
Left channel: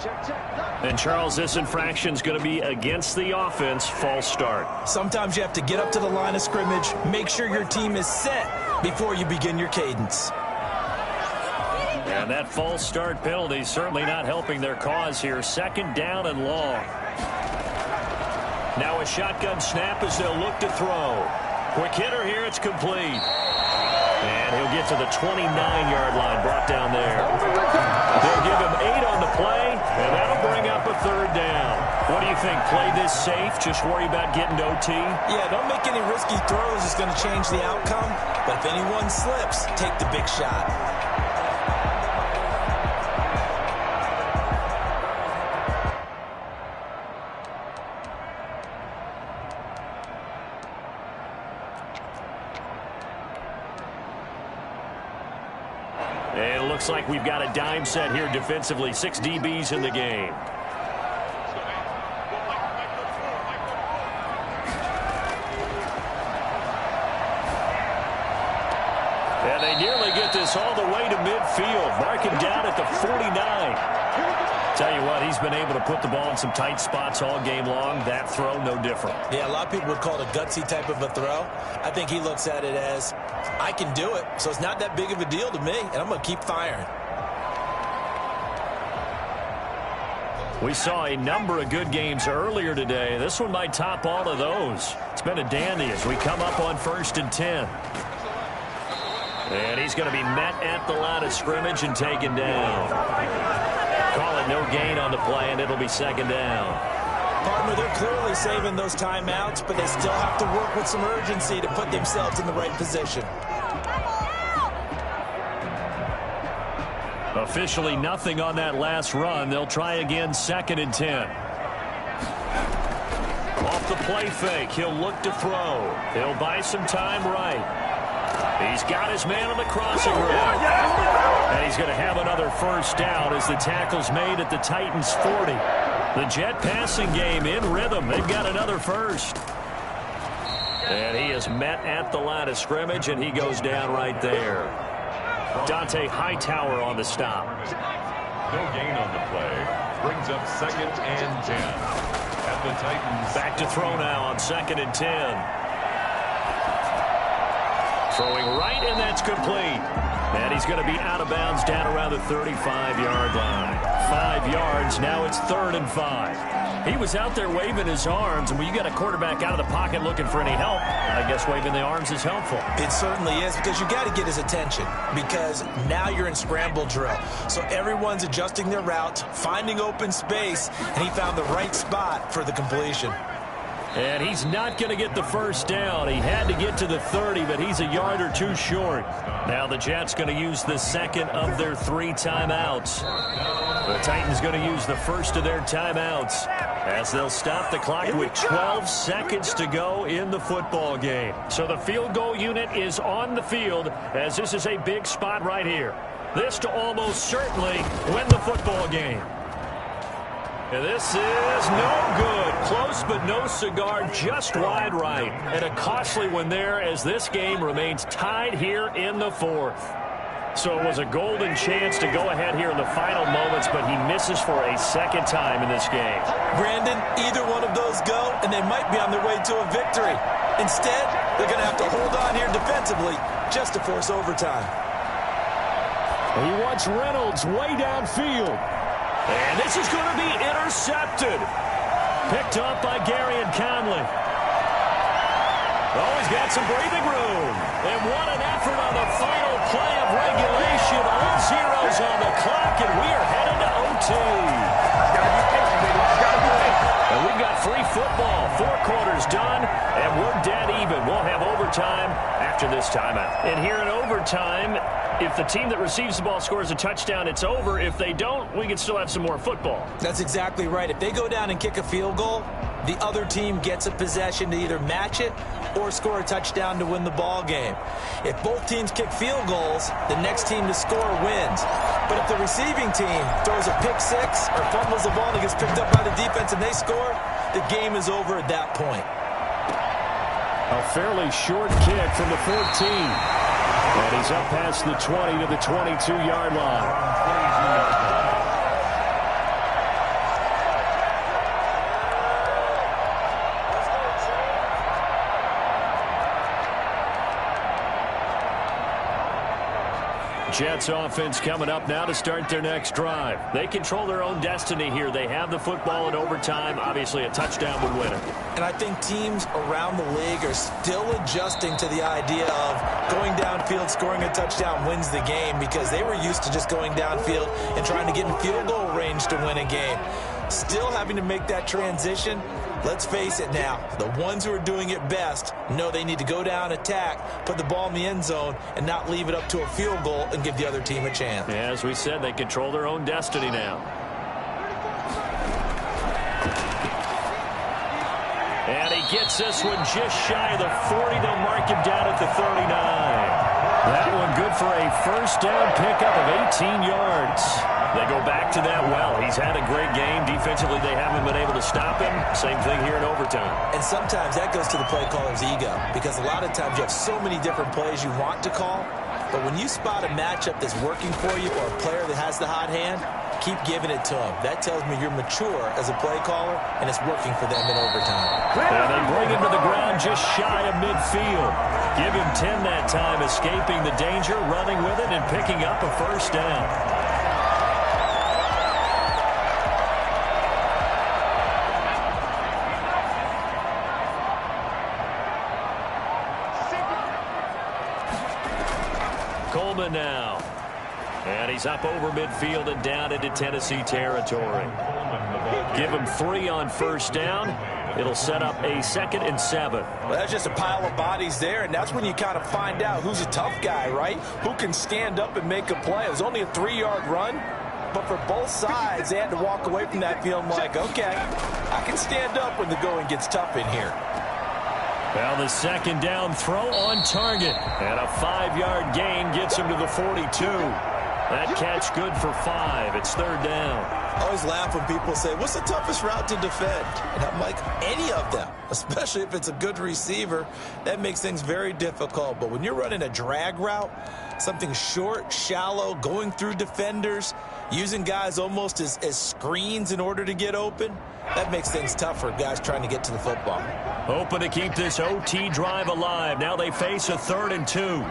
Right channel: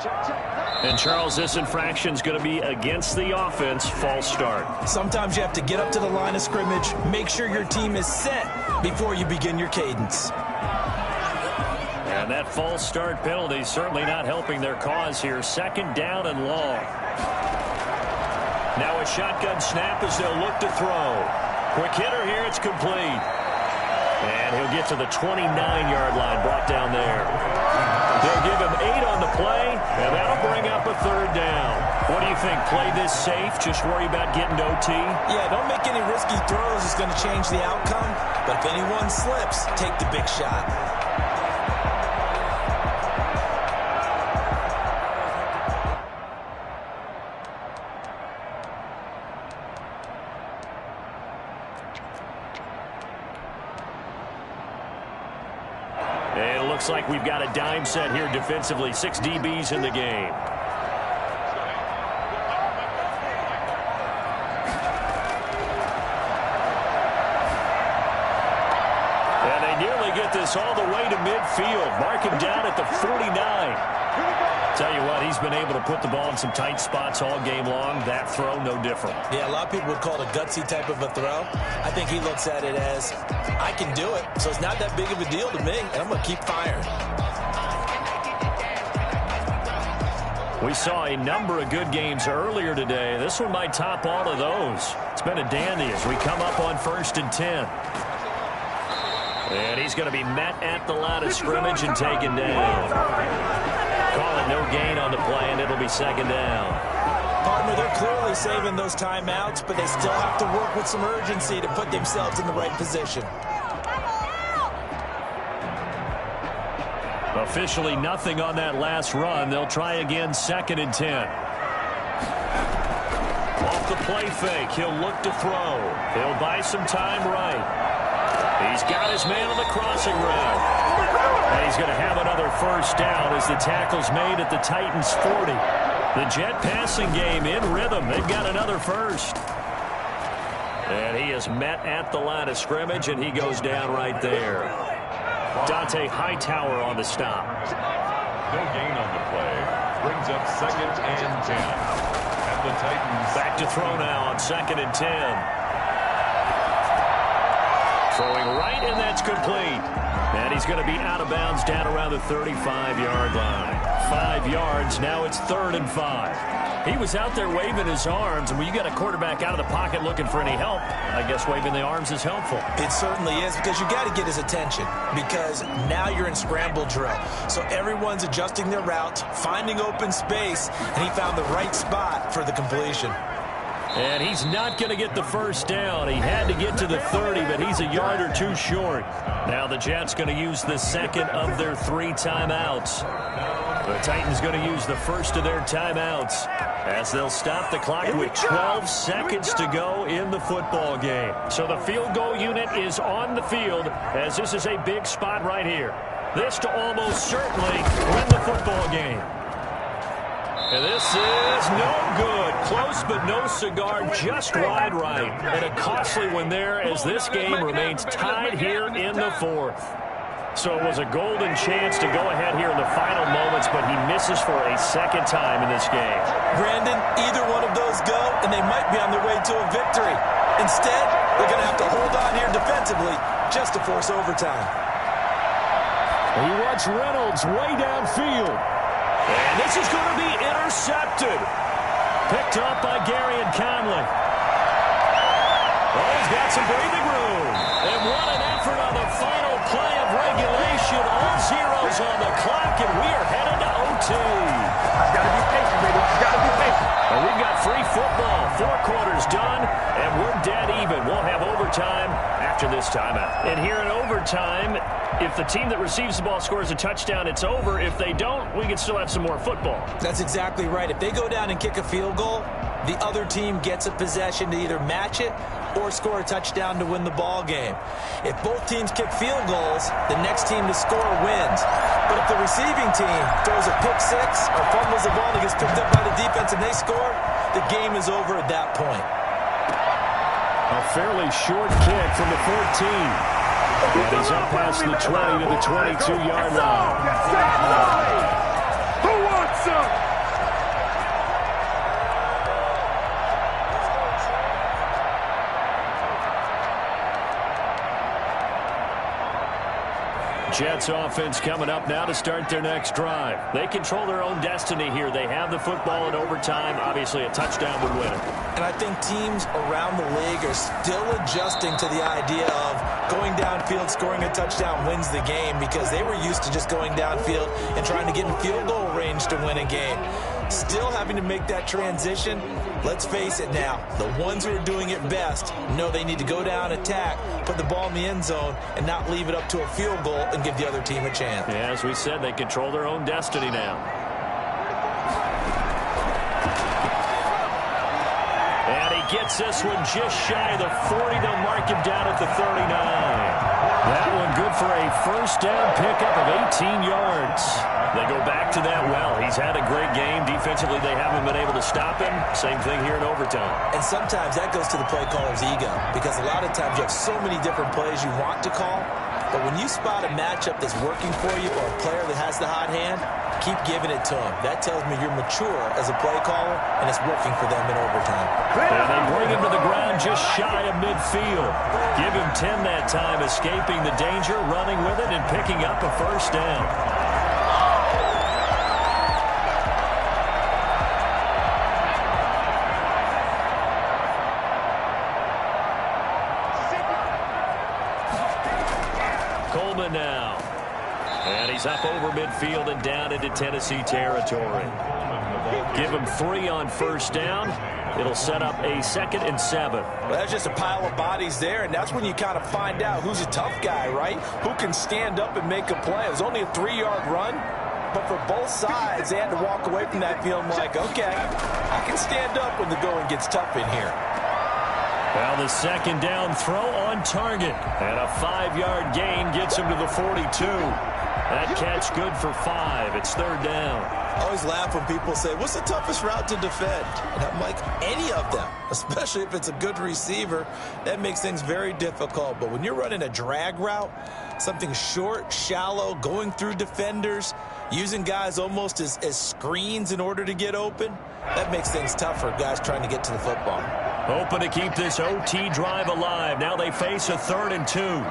And, Charles, this infraction's going to be against the offense. False start. Sometimes you have to get up to the line of scrimmage, make sure your team is set before you begin your cadence. And that false start penalty certainly not helping their cause here. 2nd down and long. Now a shotgun snap as they'll look to throw. Quick hitter here, it's complete. And he'll get to the 29-yard line, brought down there. They'll give him 8 on the play, and that'll bring up a 3rd down. What do you think? Play this safe, just worry about getting to OT? Yeah, don't make any risky throws. It's going to change the outcome. But if anyone slips, take the big shot. Looks like we've got a dime set here defensively. 6 DBs in the game. And they nearly get this all the way to midfield. Mark him down at the 49. Tell you what, he's been able to put the ball in some tight spots all game long. That throw, no different. Yeah, a lot of people would call it a gutsy type of a throw. I think he looks at it as, I can do it, so it's not that big of a deal to me, and I'm going to keep firing. We saw a number of good games earlier today. This one might top all of those. It's been a dandy as we come up on 1st and 10. And he's going to be met at the line of scrimmage and taken down. Call it no gain on the play, and it'll be 2nd down. Partner, they're clearly saving those timeouts, but they still have to work with some urgency to put themselves in the right position. Officially nothing on that last run. They'll try again, 2nd and 10. Off the play fake, he'll look to throw. He'll buy some time right. He's got his man on the crossing route. And he's going to have another 1st down as the tackle's made at the Titans' 40. The Jet passing game in rhythm. They've got another 1st. And he is met at the line of scrimmage, and he goes down right there. Dante Hightower on the stop. No gain on the play. Brings up 2nd and 10. At the Titans. Back to throw now on 2nd and 10. Throwing right, and that's complete. And he's going to be out of bounds down around the 35-yard line. 5 yards, now it's 3rd and 5. He was out there waving his arms, and when you got a quarterback out of the pocket looking for any help, I guess waving the arms is helpful. It certainly is, because you got to get his attention, because now you're in scramble drill. So everyone's adjusting their routes, finding open space, and he found the right spot for the completion. And he's not going to get the 1st down. He had to get to the 30, but he's a yard or 2 short. Now the Jets going to use the 2nd of their 3 timeouts. The Titans going to use the 1st of their timeouts as they'll stop the clock with 12 seconds to go in the football game. So the field goal unit is on the field as this is a big spot right here. This to almost certainly win the football game. And this is no good. Close but no cigar, just wide right. And a costly one there as this game remains tied here in the 4th. So it was a golden chance to go ahead here in the final moments, but he misses for a 2nd time in this game. Brandon, either one of those go, and they might be on their way to a victory. Instead, they're going to have to hold on here defensively just to force overtime. He wants Reynolds way downfield. And this is going to be intercepted. Picked up by Gary and Conley. Oh, he's got some breathing room. And what an effort on the final play of regulation. All zeros on the clock, and we are headed to OT. Gotta be patient, baby. Gotta be patient. And we've got free football. 4 quarters done, and we're dead even. We'll have overtime after this timeout. And here in overtime, if the team that receives the ball scores a touchdown, it's over. If they don't, we can still have some more football. That's exactly right. If they go down and kick a field goal, the other team gets a possession to either match it or score a touchdown to win the ball game. If both teams kick field goals, the next team to score wins. But if the receiving team throws a pick 6 or fumbles the ball and gets picked up by the defense and they score, the game is over at that point. A fairly short kick from the 14. And he's up past the 20 to the 22-yard line. Jets offense coming up now to start their next drive. They control their own destiny here. They have the football in overtime. Obviously, a touchdown would win it. And I think teams around the league are still adjusting to the idea of going downfield, scoring a touchdown wins the game, because they were used to just going downfield and trying to get in field goal range to win a game. Still having to make that transition. Let's face it now, the ones who are doing it best know they need to go down, attack, put the ball in the end zone, and not leave it up to a field goal and give the other team a chance. Yeah, as we said, they control their own destiny now. And he gets this one just shy of the 40. They'll mark him down at the 39. That one good for a first down pickup of 18 yards. They go back to that well. He's had a great game. Defensively, they haven't been able to stop him. Same thing here in overtime. And sometimes that goes to the play caller's ego, because a lot of times you have so many different plays you want to call, but when you spot a matchup that's working for you or a player that has the hot hand, keep giving it to him. That tells me you're mature as a play caller, and it's working for them in overtime. And they bring him to the ground just shy of midfield. Give him 10 that time, escaping the danger, running with it, and picking up a first down. Coleman now. And he's up over midfield and down into Tennessee territory. Give him 3 on first down. It'll set up a 2nd and 7. Well, that's just a pile of bodies there, and that's when you kind of find out who's a tough guy, right? Who can stand up and make a play. It was only a 3-yard run, but for both sides, they had to walk away from that feeling like, okay, I can stand up when the going gets tough in here. Well, the 2nd down throw on target. And a 5-yard gain gets him to the 42. That catch good for 5. It's 3rd down. I always laugh when people say, what's the toughest route to defend? And I'm like, any of them, especially if it's a good receiver. That makes things very difficult. But when you're running a drag route, something short, shallow, going through defenders, using guys almost as screens in order to get open, that makes things tough for guys trying to get to the football. Hoping to keep this OT drive alive. Now they face a 3rd and 2.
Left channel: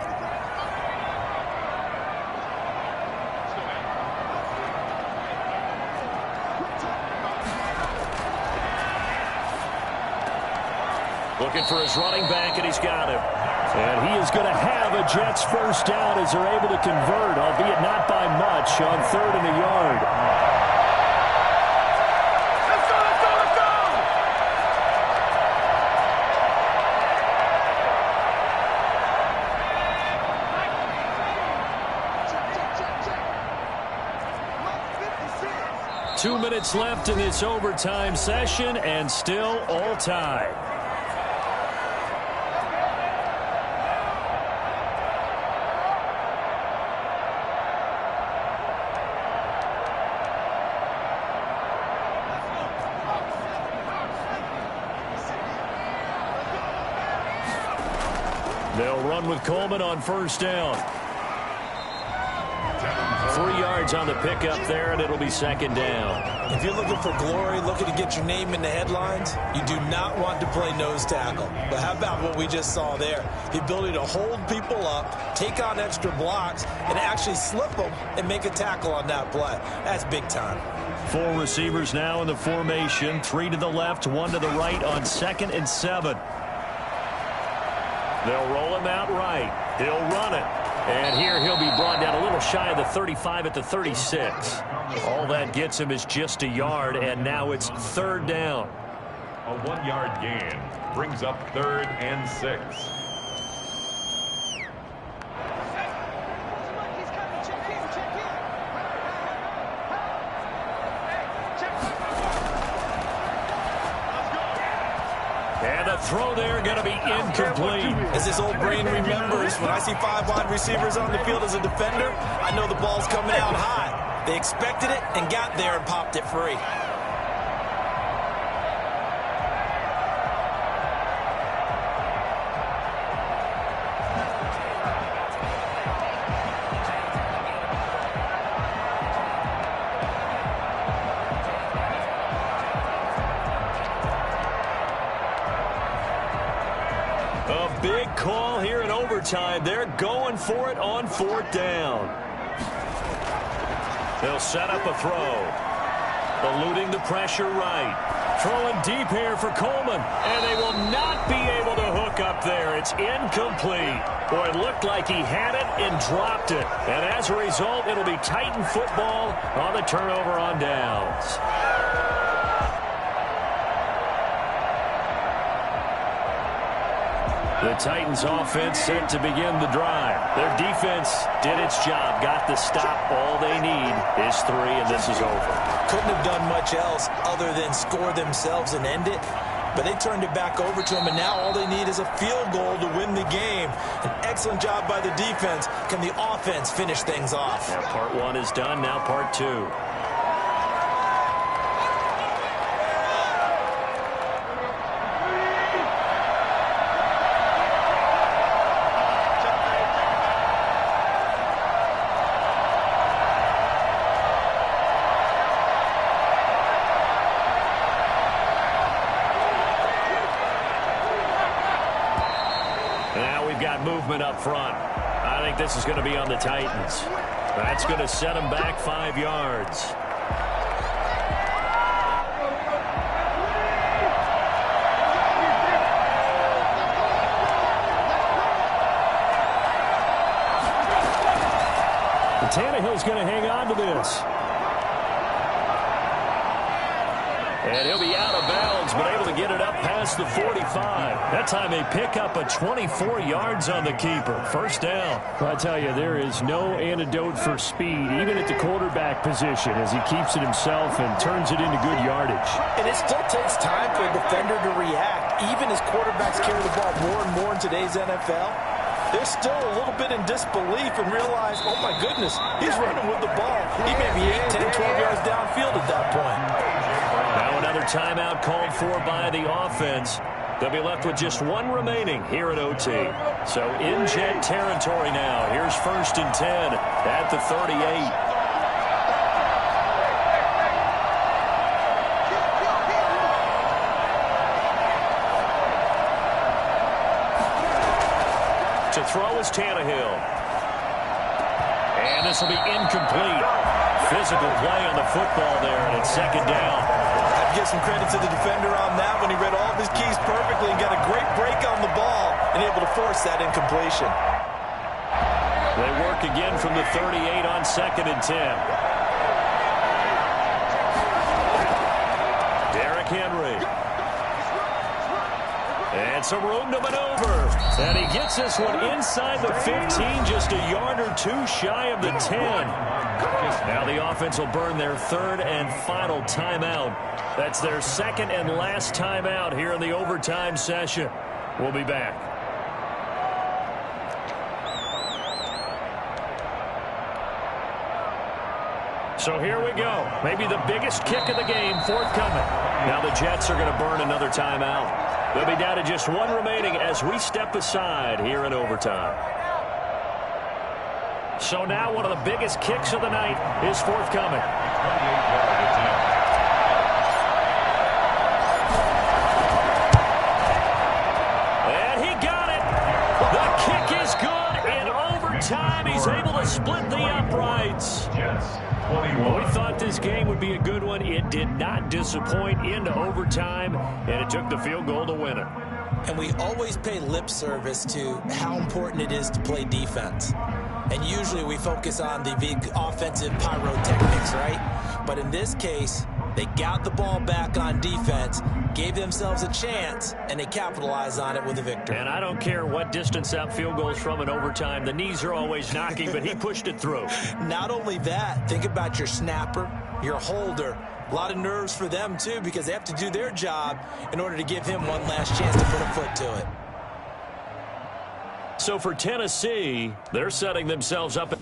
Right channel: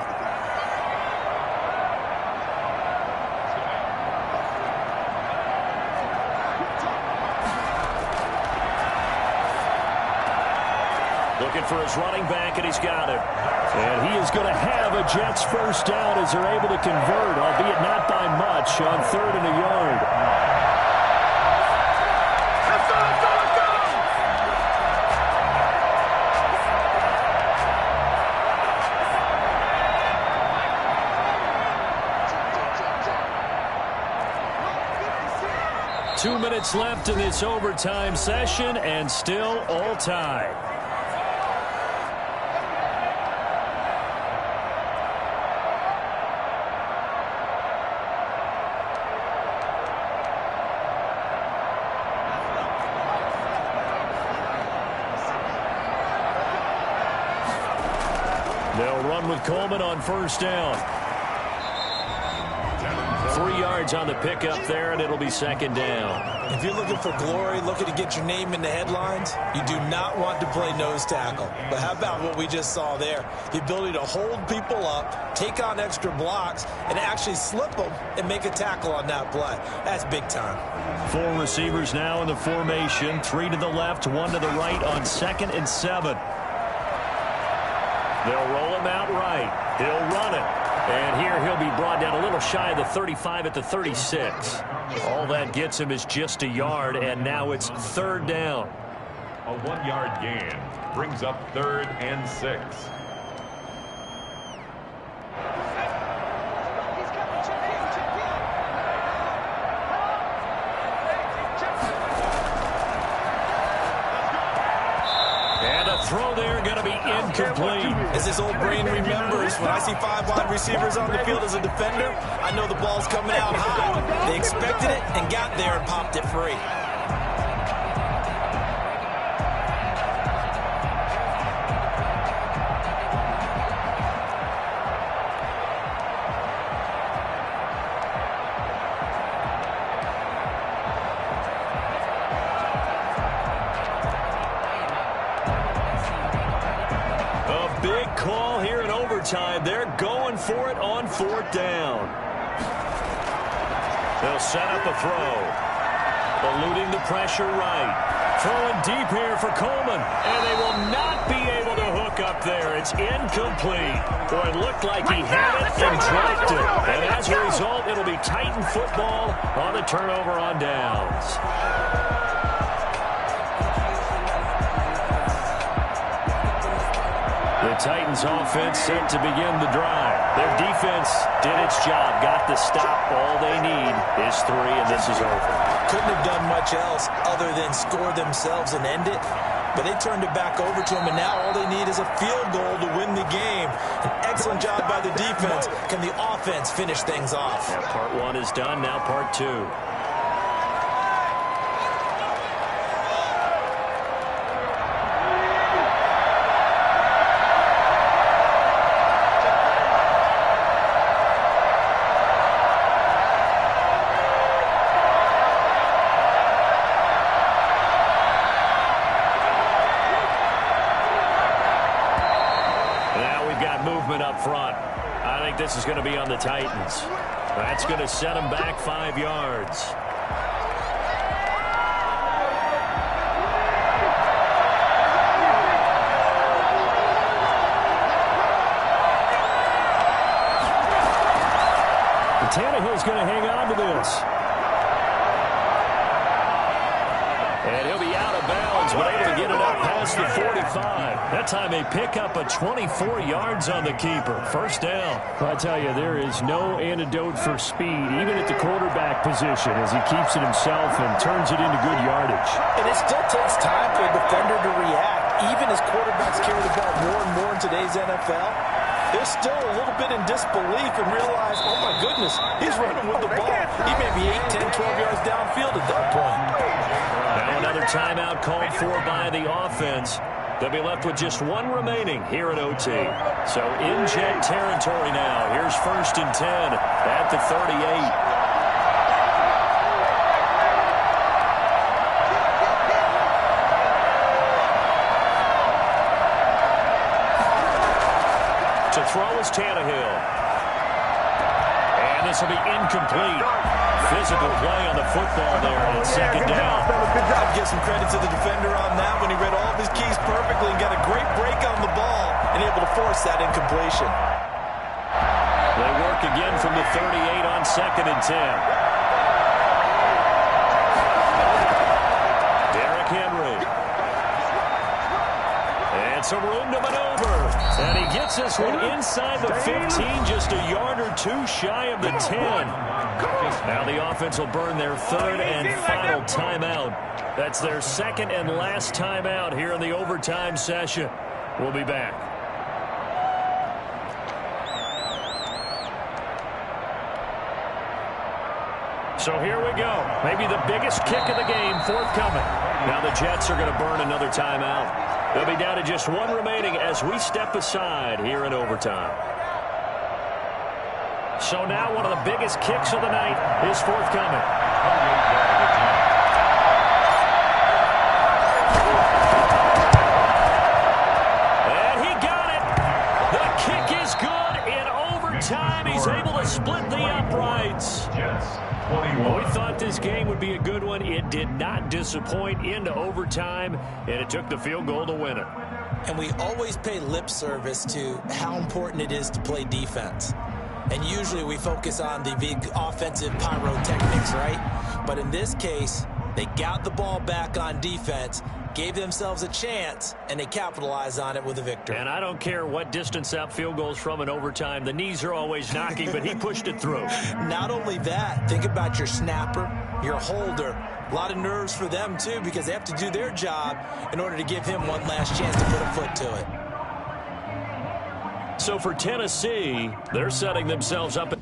Looking for his running back, and he's got him. And he is going to have a Jets first down as they're able to convert, albeit not by much, on 3rd and a yard. Let's go, let's go, let's go! Check. 2 minutes left in this overtime session, and still all tied. They'll run with Coleman on first down. 3 yards on the pickup there, and it'll be 2nd down. If you're looking for glory, looking to get your name in the headlines, you do not want to play nose tackle. But how about what we just saw there? The ability to hold people up, take on extra blocks, and actually slip them and make a tackle on that play. That's big time. 4 receivers now in the formation. 3 to the left, 1 to the right on 2nd and 7. They'll roll him out right. He'll run it. And here he'll be brought down a little shy of the 35 at the 36. All that gets him is just a yard, and now it's 3rd down. A 1-yard gain brings up 3rd and 6. And a throw there going to be incomplete. As this old brain remembers, when I see 5 wide receivers on the field as a defender, I know the ball's coming out high. They expected it and got there and popped it free. A big call here in overtime. They're going for it on 4th down. They'll set up a throw. Eluding the pressure right. Throwing deep here for Coleman. And they will not be able to hook up there. It's incomplete. Boy, it looked like he had it and dropped it. And as a result, it'll be Titan football on the turnover on downs. The Titans offense set to begin the drive. Their defense did its job, got the stop. All they need is 3, and this is over. Couldn't have done much else other than score themselves and end it. but they turned it back over to him, and now all they need is a field goal to win the game. An excellent job by the defense. Can the offense finish things off? Yeah, part one is done, now part two. Now we've got movement up front. I think this is going to be on the Titans. That's going to set them back 5 yards. And Tannehill's going to hang on to this. And he'll be out of bounds, but able to get it up past the 45. That time they pick up a 24 yards on the keeper. First down. Well, I tell you, there is no antidote for speed, even at the quarterback position, as he keeps it himself and turns it into good yardage. And it still takes time for a defender to react, even as quarterbacks carry the ball more and more in today's NFL. They're still a little bit in disbelief and realize, oh, my goodness, he's running with the ball. He may be 8, 10, 12 yards downfield at that point. Now another timeout called for by the offense. They'll be left with just one remaining here at OT. So in Jet territory now. Here's 1st and 10 at the 38. To throw is Tannehill. And this will be incomplete. Physical play on the football there, and it's 2nd down. I'd give some credit to the defender on that when he read all of his keys perfectly and got a great break on the ball and able to force that incompletion. They work again from the 38 on 2nd and 10. Derrick Henry. And some room to maneuver. And he gets this one inside the 15, just a yard or two shy of the 10. Now the offense will burn their 3rd and final timeout. That's their 2nd and last timeout here in the overtime session. We'll be back. So here we go. Maybe the biggest kick of the game forthcoming. Now the Jets are going to burn another timeout. They'll be down to just one remaining as we step aside here in overtime. So now one of the biggest kicks of the night is forthcoming. 28-yard attempt. And he got it. The kick is good in overtime. He's able to split the uprights. Jets, 21. Well, we thought this game would be a good one. It did not disappoint into overtime, and it took the field goal to win it. And we always pay lip service to how important it is to play defense. And usually we focus on the big offensive pyrotechnics, right? But in this case, they got the ball back on defense, gave themselves a chance, and they capitalized on it with a victory. And I don't care what distance that field goal is from in overtime. The knees are always knocking, but he pushed it through. Not only that, think about your snapper, your holder. A lot of nerves for them, too, because they have to do their job in order to give him one last chance to put a foot to it. So for Tennessee, they're setting themselves up.